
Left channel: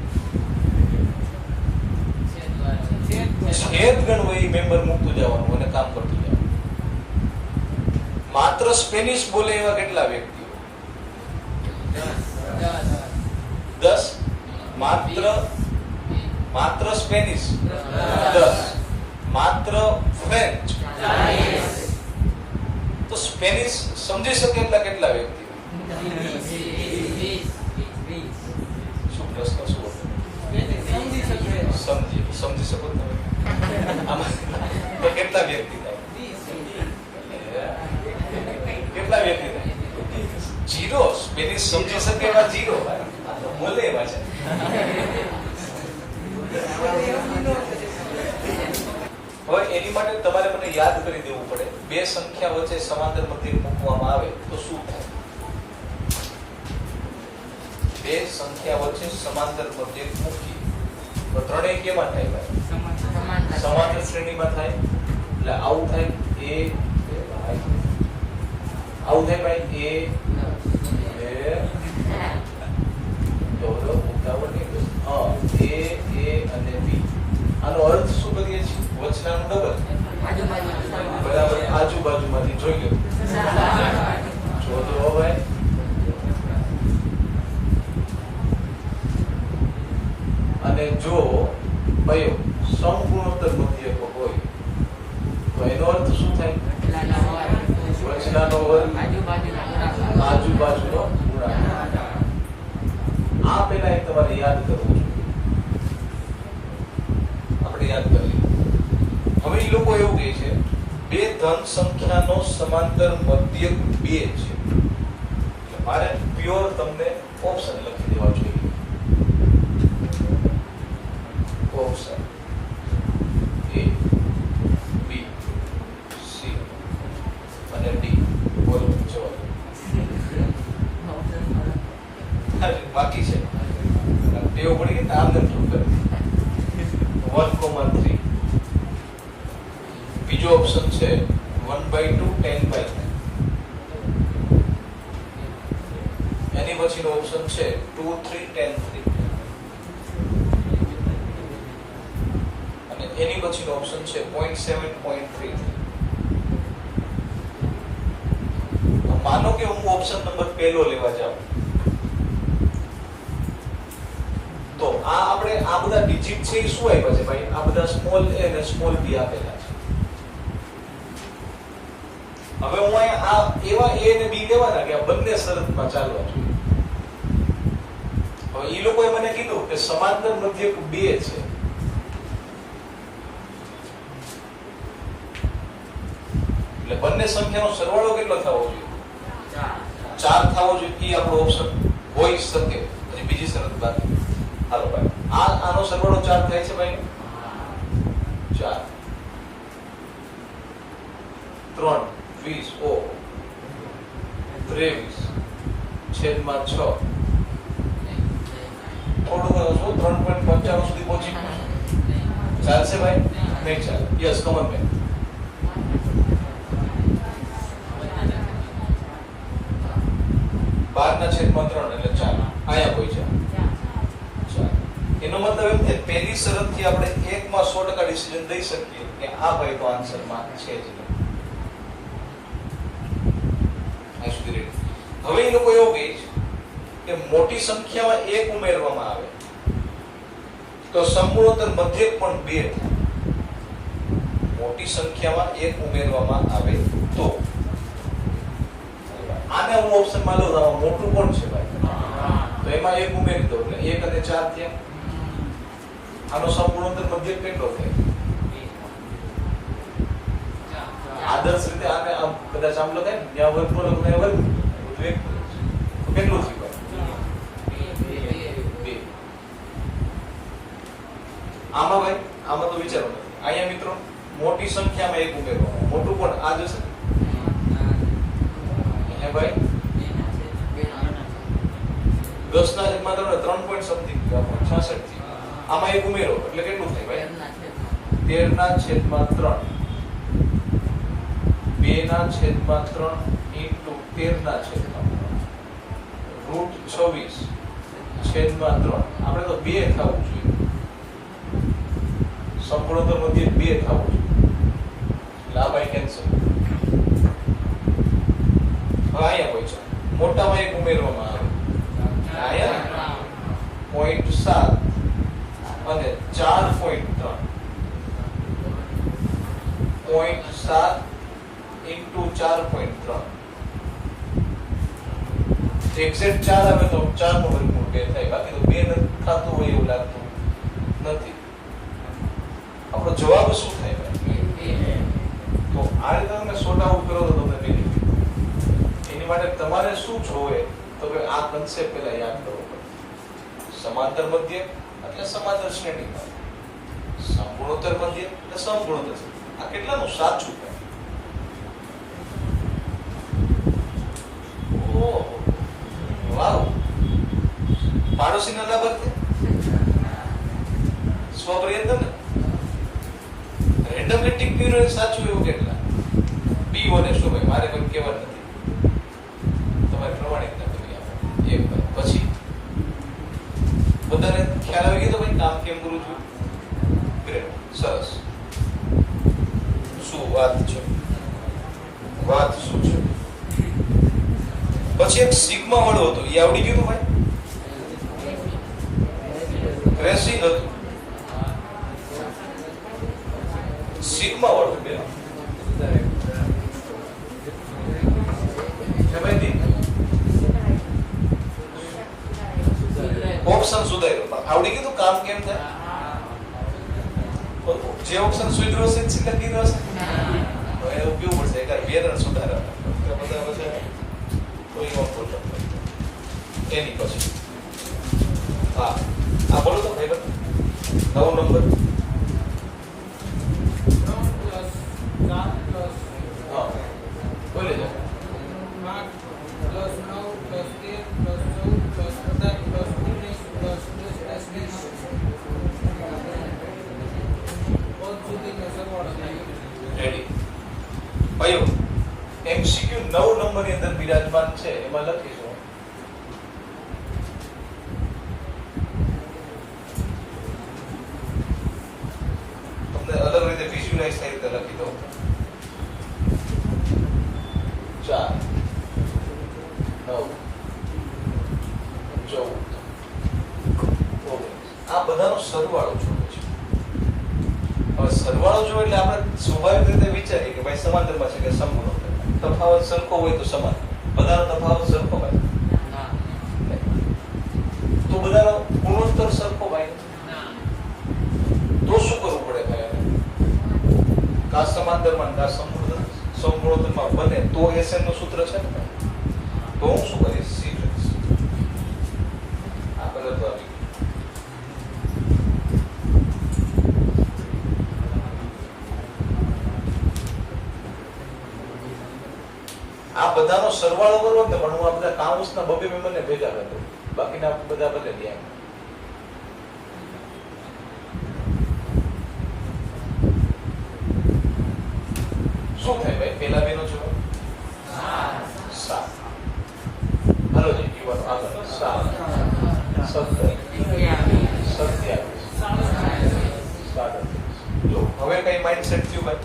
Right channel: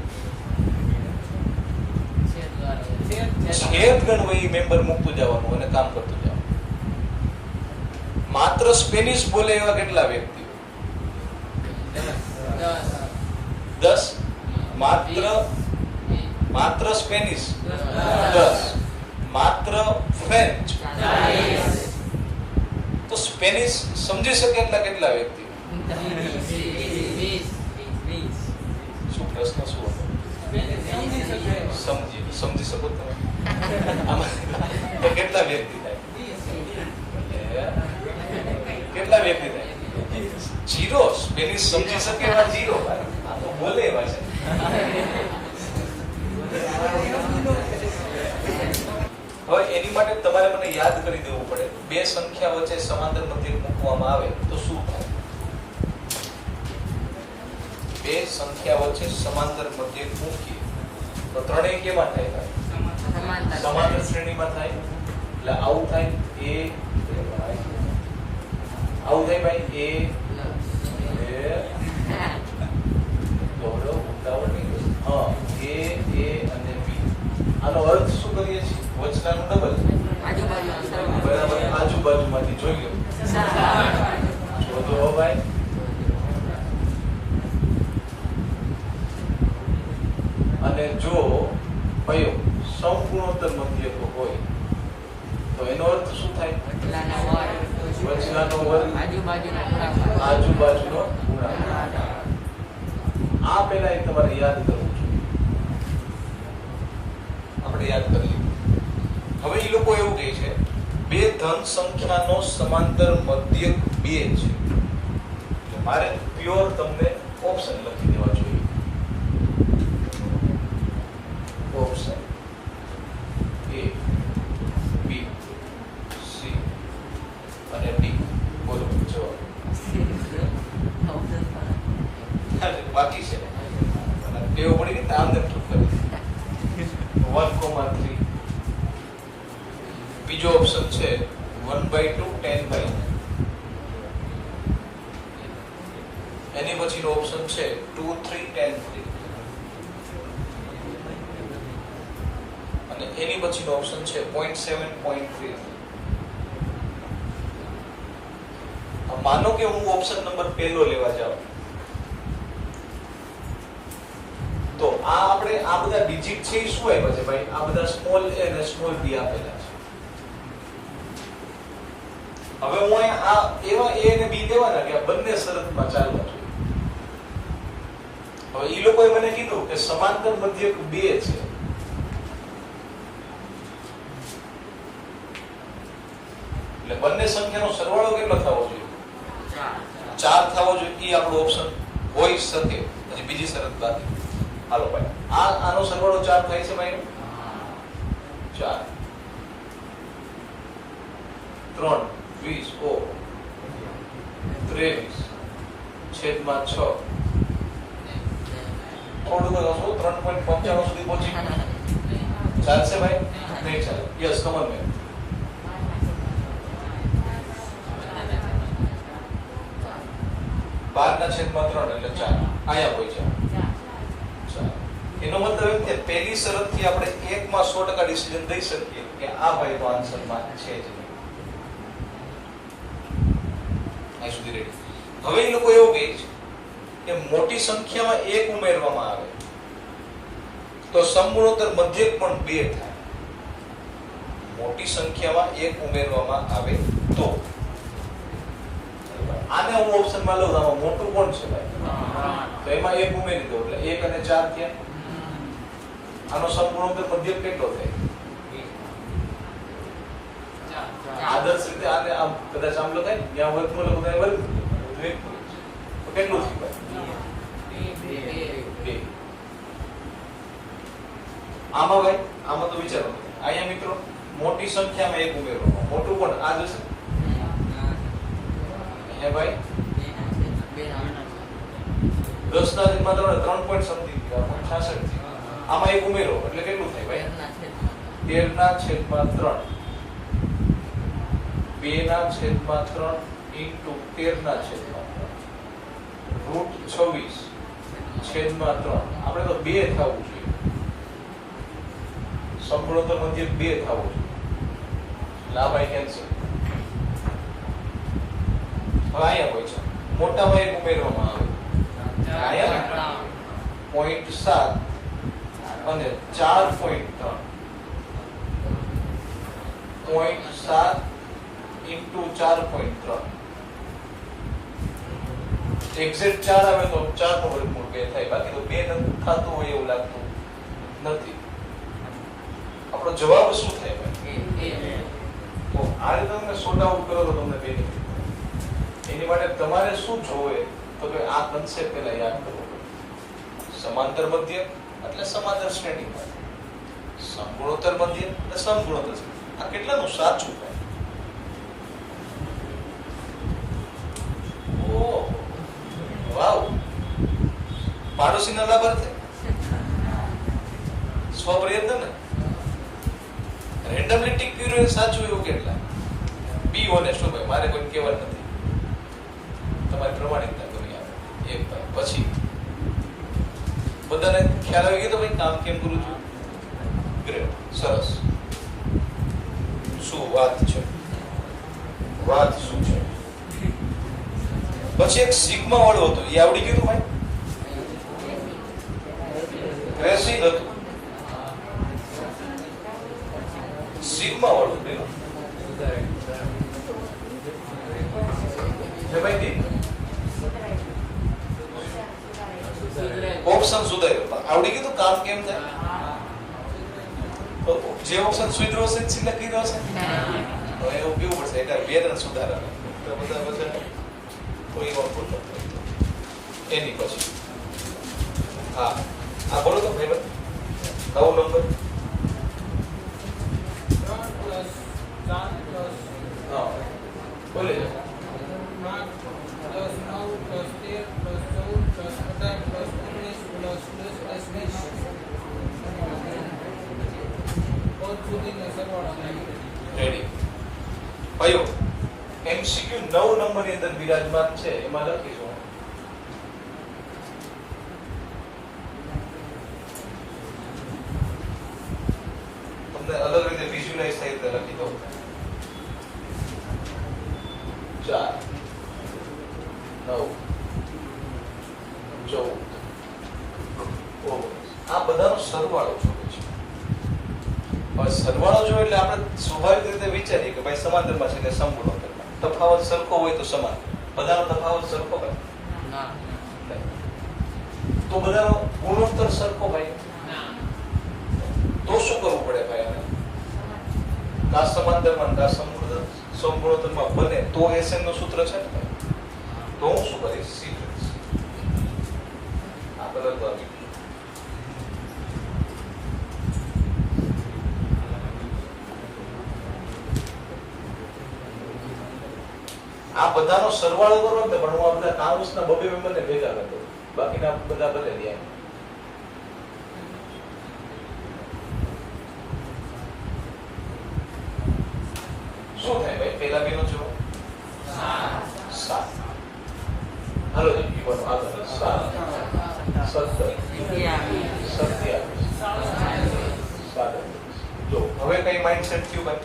છેદ ગણ હોય એ મેમ્બર મૂકતું જવાનું અને કામ કરતું જવાનું. માત્ર સ્પેનિશ બોલે એવા કેટલા વ્યક્તિઓ? 10 માત્ર સ્પેનિશ 10 માત્ર ફ્રેન્ચ તો સ્પેનિશ સમજી શકે એટલા કેટલા વ્યક્તિ શું પ્રશ્ન શું હતો? સમજી શકો તમે આમાં તો કેટલા વ્યક્તિ થાય કેટલા વ્યક્તિ થાય જીરો સ્પેનિશ સમજી શકે એવા જીરો આ તો બોલે એવા છે હવે એની માટે તમારે મને યાદ કરી દેવું પડે બે સંખ્યા વચ્ચે સમાંતર મધ્યક મૂકવામાં આવે તો શું થાય બે સંખ્યા વચ્ચે સમાંતર મધ્યક મૂકીએ તો ત્રણેય કેવા થાય ભાઈ સમાંતર શ્રેણીમાં થાય એટલે આવું થાય આવું થાય ભાઈ એ અને બી આનો અર્થ શું કરીએ છીએ વચનાનું ડબલ બરાબર આજુબાજુમાંથી જોઈ લો જો તો ભાઈ અને જો કયો સંપૂર્ણોત્તર મધ્યક હોય તો એનો અર્થ શું થાય વચનાનો વર્ગ આજુબાજુનો ગુણાકાર આ પહેલા એક તમારે યાદ કરવું છે આપણે યાદ કરી હવે એ લોકો એવું કહે છે બે ધન સંખ્યાનો સમાંતર મધ્યક 2 છે એટલે મારે પ્યોર તમને ઓપ્શન લખી દેવા જોઈએ ઓપ્શન A B C અને D બોલો જવાબ બાકી છે ટેવ પડી ગઈ આમ તેમ કરી 1,3 બીજો ઓપ્શન છે 1/2 10/9 એની પછીનો ઓપ્શન છે 2 3 10 3 અને એની પછીનો ઓપ્શન છે 0.7 0.3 માનો કે હું ઓપ્શન નંબર પહેલો લેવા જાઉં તો આ આપણે આ બધા ડિજિટ છે એ શું આવ્યા છે ભાઈ આ બધા સ્મોલ a અને સ્મોલ b આપેલા છે હવે હું અહીંયા આ એવા a અને b દેવાના કે આ બંને શરતમાં ચાલવા જોઈએ હવે ઈ લોકોએ મને કીધું કે સમાંતર મધ્યક 2 છે એટલે બંને સંખ્યાનો સરવાળો કેટલો થવો જોઈએ 4 થવો જોઈએ એ આપણો ઓપ્શન હોઈ શકે પછી બીજી શરત બાકી હાલો ભાઈ આનો સરવાળો 4 થાય છે ભાઈ 4 3 20 ઓ 23 છેદમાં 6 થોડું 3.95 સુધી પહોંચી ચાલશે ભાઈ નહીં ચાલે યસ કમન ભાઈ 12/3 એટલે 4 અહીંયા કોઈ છે એનો મતલબ એમ કે પહેલી શરતથી આપણે 1 માં 100% ડિસિઝન દઈ શકીએ કે આ ભાઈ તો આન્સરમાં છે જ નહીં આ સુધી રેડી હવે એ લોકો એવું કહે છે કે મોટી સંખ્યામાં 1 ઉમેરવામાં આવે તો સંપૂર્ણોત્તર મધ્યક પણ 2 થાય મોટી સંખ્યામાં 1 ઉમેરવામાં આવે તો આને હું ઓપ્શનમાં લઉં આમાં મોટું કોણ છે ભાઈ તો એમાં 1 ઉમેરી દો એટલે 1 અને 4 થયા આનો સંપૂર્ણોત્તર મધ્યક કેટલો થાય આદર્શ રીતે આને આમ કદાચ આમ લખાય ને ત્યાં વર્ગમૂળ લખો ત્યાં વર્ગ તો કેટલું થયું ભાઈ 2 આમાં ભાઈ આમાં તો વિચારો અહીંયા મિત્રો મોટી સંખ્યામાં 1 ઉમેરો મોટું કોણ આ જશે હે ભાઈ 10/3 પોઈન્ટ સમથિંગ 66 આમાં 1 ઉમેરો એટલે કેટલું થાય ભાઈ 13/3 2/3 into 13/3 √26/3 આપણે તો 2 થવું જોઈએ સંપૂર્ણોત્તર મધ્યક 2 થવું જોઈએ એટલે આ ભાઈ કેન્સલ હવે અહીંયા કોઈ છે મોટામાં 1 ઉમેરવામાં આવે અહીંયા 0.7 અને 4.3 0.7 into 4.3 એક્ઝેક્ટ 4 આવે તો 4 નો વર્ગમૂળ 2 થાય, બાકી તો 2 નથી થતું હોય એવું લાગતું નથી. આપણો જવાબ શું થાય ભાઈ? તો આ રીતે તમે સોર્ટ આઉટ કરો તો તમને બેનિફિટ. એની માટે તમારે શું જોવે તો કે આ કન્સેપ્ટ પહેલા યાદ કરવો પડે. સમાંતર મધ્ય એટલે સમાંતર શ્રેણીમાં, સમગુણોત્તર મધ્ય એટલે સમગુણોત્તર. આ કેટલાનું સાચું થાય? ઓહ વાવ, પાડોશીના લાભાર્થી સ્વપ્રયત્ન ને રેન્ડમલી ટીક કર્યું સાચું એવું કેટલા? બી ઓનેસ્ટ ભાઈ, મારે કોઈ કહેવા નથી, તમારી પ્રમાણિકતા કરી આપો એક ભાઈ. પછી બધાને ખ્યાલ આવી ગયો તો ભાઈ કામ કેમ કરું છું? ગ્રેટ, સરસ. શું વાત છે? વાત શું છે? પછી એક સિગ્મા વાળો હતો, એ આવડી ગયું ભાઈ? ક્રેસિંગ હતું, સિગ્મા વાળું પેલા ઓપ્શન સુધાર્યો, આવડી ગયું કામ કેમ થાય? જે ઓપ્શન સુધરો છે સિલેક્ટ કર્યો હશે તો એવું કેવું પડશે એક બે રન સુધારા એની પછી હા આ બોલો તો ભાઈ 9 નંબર બોલે જાઓ. રેડી ભાઈઓ, MCQ 9 નંબર ની અંદર બિરાજમાન છે, એમાં લખીશું તમને અલગ રીતે વિઝ્યુલાઇઝ થાય તો લખી દઉં. 4 9 14 આ બધાનો સરવાળો જોવો છે. હવે સરવાળો જો એટલે આપણે સ્વાભાવિક રીતે વિચારીએ કે ભાઈ સમાંતરમાં છે કે સમગુણોત્તર, તફાવત સરખો હોય તો સમાન, બધાનો તફાવત સરખો ભાઈ તો બધાનો ગુણોત્તર સરખો ભાઈ તો શું કરવું પડે ભાઈ? આપણે કા સમાંતરમાં કા સમગુણોત્તરમાં બને તો SN નું સૂત્ર છે ને ભાઈ, તો હું શું કરીશ? સી કરીશ. આ કલર તો આવી આ બધાનો સરવાળો કરવો ને પણ હું આ બધા કાઉન્સના બબે મેમ્બરને ભેગા કરતો, બાકીના બધા બદલે દે. શું થાય ભાઈ? પેલા બેનો જવાબ 7. હાલો જી યુવાન આગળ 7 17 27 જો હવે કઈ માઇન્ડસેટ થયું ભાઈ?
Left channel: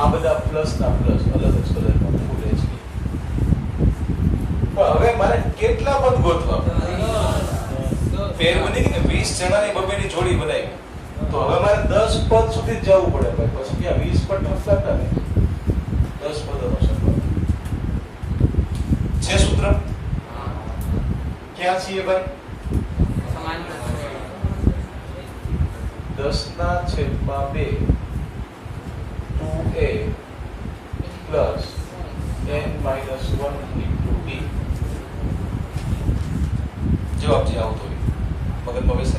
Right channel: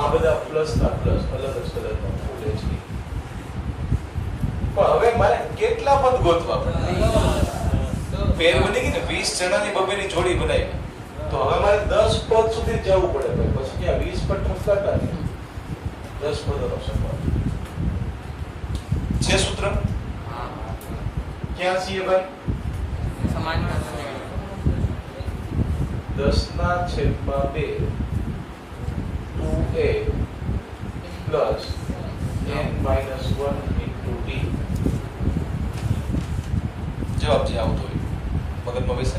આ બધા પ્લસ ના પ્લસ અલગ જ કલરનો ફૂલ છે. પણ હવે મારે કેટલા પદ ગોતવા? પેર બની ગઈ ને 20 જણાની બબેની જોડી બનાવી, તો હવે મારે 10 પદ સુધી જ જવું પડે ભાઈ. પછી ક્યાં 20 પદ ઠપકાતા ને 10 પદોનો સરવાળો છે. સૂત્ર ક્યાં છીએ ભાઈ? 10/2 2a plus n-1 into t. જવાબ જે આવતો હોય મગજમાં બેસે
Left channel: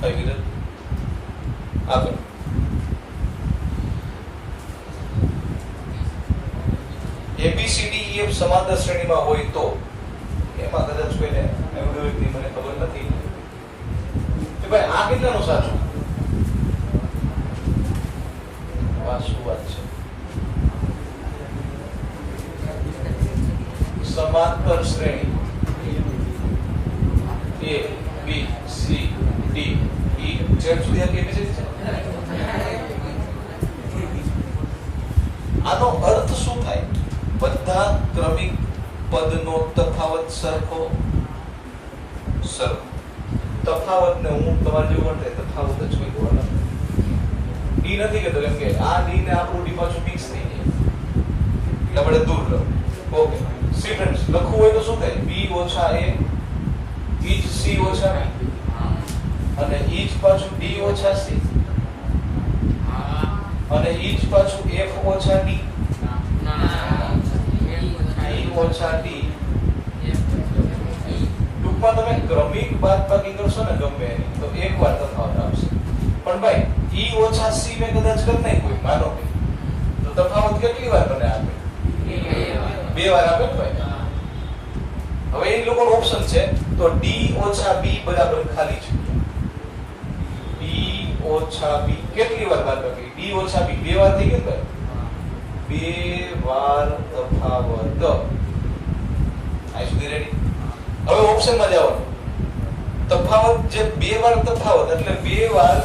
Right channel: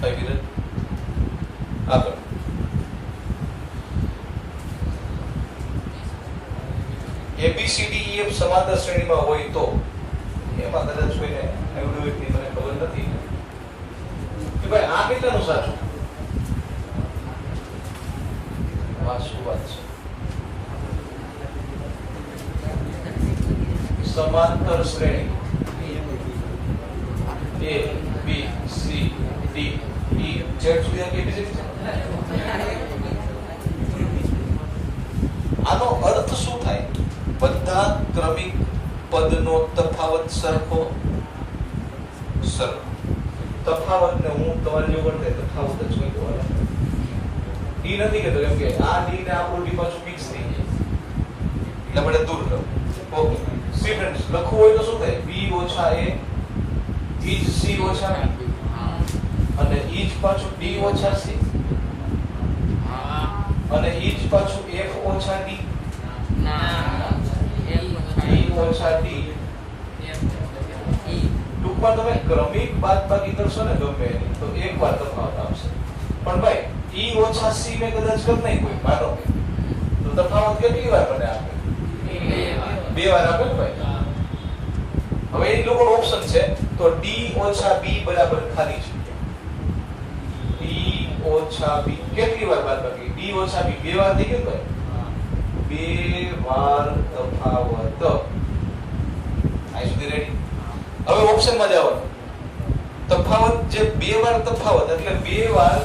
ભાઈ વિરલ. આગળ ABCDEF સમાંતર શ્રેણીમાં હોય તો એમાં કદાચ કોઈને આવડ્યું હોય મને ખબર નથી કે ભાઈ આ કેટલાનું સાચું? શું વાત છે? સમાંતર શ્રેણી A B C D E Z સુધી આ કેપેસિટી છે. આનો અર્થ શું થાય? બધા ક્રમિક પદનો તફાવત સરખો સરળ તફાવત ને હું તમારે જેવું પણ તફાવત જ કોઈ જોવા ડી નથી કહેતો કેમ કે આ ડી ને આપણું ડી પાછું મિક્સ થઈ જાય એટલે આપણે દૂર રહો ઓકે સી ફ્રેન્ડ્સ લખવું હોય તો શું થાય બી ઓછા એ ઈજ સી ઓછા અને ઈજ પાછું ડી ઓછા સી અને ઈજ પાછું એફ ઓછા ડી ઈ ઓછા ડી ટૂંકમાં તમે ક્રમિક બાદબાકી કરશો ને ગમે એની તો એક વાર તફાવત આવશે પણ ભાઈ ઈ ઓછા સી મેં કદાચ કર નહીં કોઈ માનો કે તો તફાવત કેટલી વાર મને આપે બે વાર આપે ને ભાઈ હવે એ લોકોનો ઓપ્શન છે તો ડી ઓછા બી બરાબર ખાલી છે ડી ઓછા બી કેટલી વાર બાદબાકી ડી ઓછા બી બે વાર થઈ ગયું ભાઈ બે વાર તફાવત આ સુધી રેડી હવે ઓપ્શનમાં જાઓ તફાવત જે બે વાર તફાવત એટલે બે વાર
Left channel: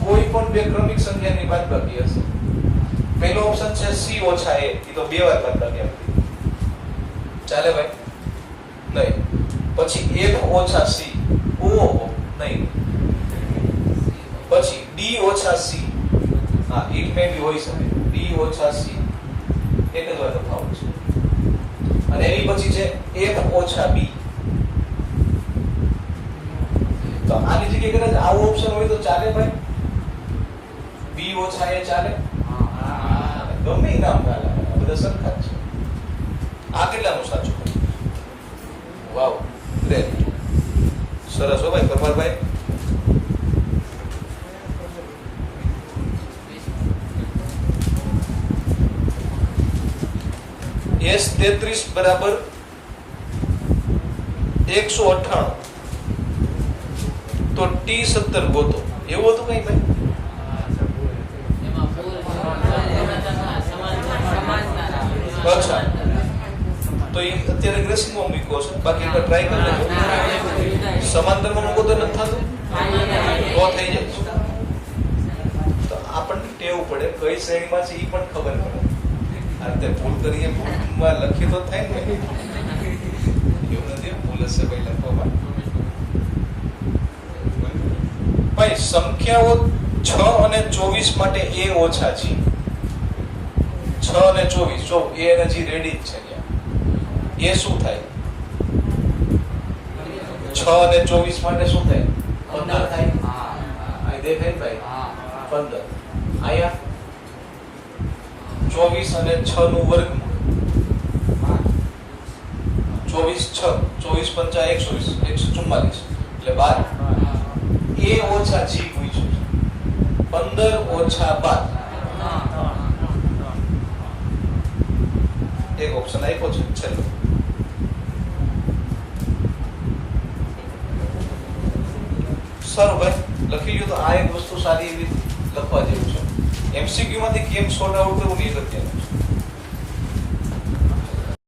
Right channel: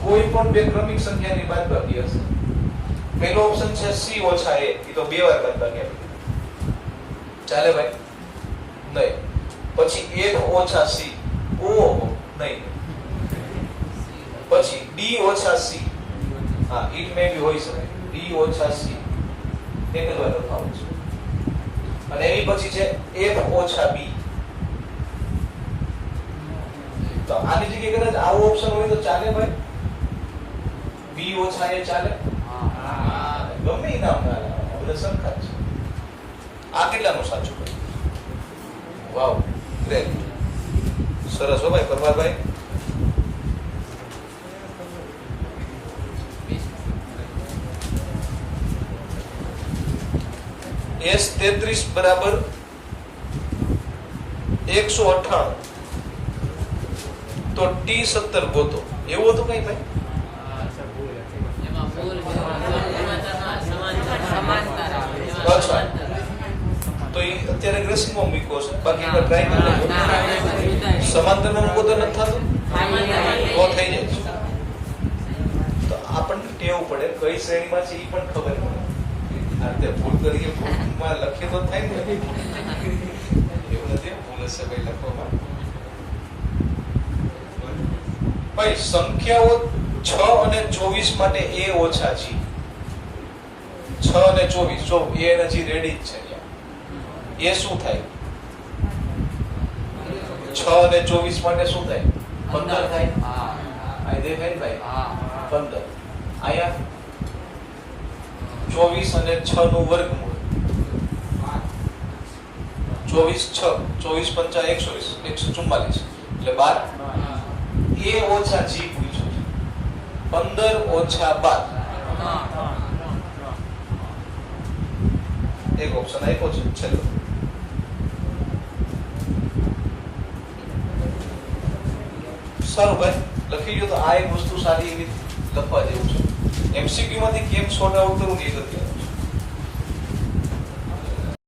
કોઈ પણ બે ક્રમિક સંખ્યાની બાદબાકી હશે પહેલો ઓપ્શન છે સી ઓછા એ તો બે વાર બાદબાકી આપી ચાલે ભાઈ નહીં પછી એફ ઓછા સી ઓહો નહીં પછી ડી ઓછા સી હા ઇટ મે બી હોઈ શકે ડી ઓછા સી એક જ વાર તફાવત છે અને એની પછી છે એફ ઓછા બી તો આની જગ્યાએ કદાચ આવો ઓપ્શન હોય તો ચાલે ભાઈ બી ઓછા એ ચાલે ગમે એ નામ ચાલે બધા સરખા છે આ કેટલાનું સાચું ભાઈ વાવ ગ્રેટ સરસ હો ભાઈ પરમારભાઈ S33 બરાબર 198 તો T17 ગોતો એવું હતું કઈ ભાઈ અચ્છા તો એ અત્યારે ગ્રેસિંગમાં મૂક્યો છે બાકી એકવાર ટ્રાય કરી લેજો સમાંતરમાં મૂકો તો નથી થતું તો થઈ જાય તો આપણને ટેવ પડે કઈ શ્રેણીમાં છે એ પણ ખબર પડે આ રીતે ભૂલ કરીએ ભૂલમાં લખી તો થાય ને એવું નથી ભૂલ હશે ભાઈ લખવામાં ભાઈ સંખ્યાઓ 6 અને 24 માટે a ઓછા છે 6 અને 24 જો a નથી રેડી જ છે એ શું થાય 6 અને 24 માટે શું થાય 15 થાય આ દેખાય ને ભાઈ 15 આયા 24 અને 6 નું વર્ગમૂળ 24 6 24 5 144 એટલે 12 a ઓછા g પૂછ્યું છે 15 ઓછા 12 એક ઓપ્શન આપ્યો છે ચલો સારું ભાઈ લખી લ્યો તો આ એક વસ્તુ સારી એવી લખવા જેવું છે એમસીક્યુ માંથી કેમ સોર્ટ આઉટ કરવું એ નથી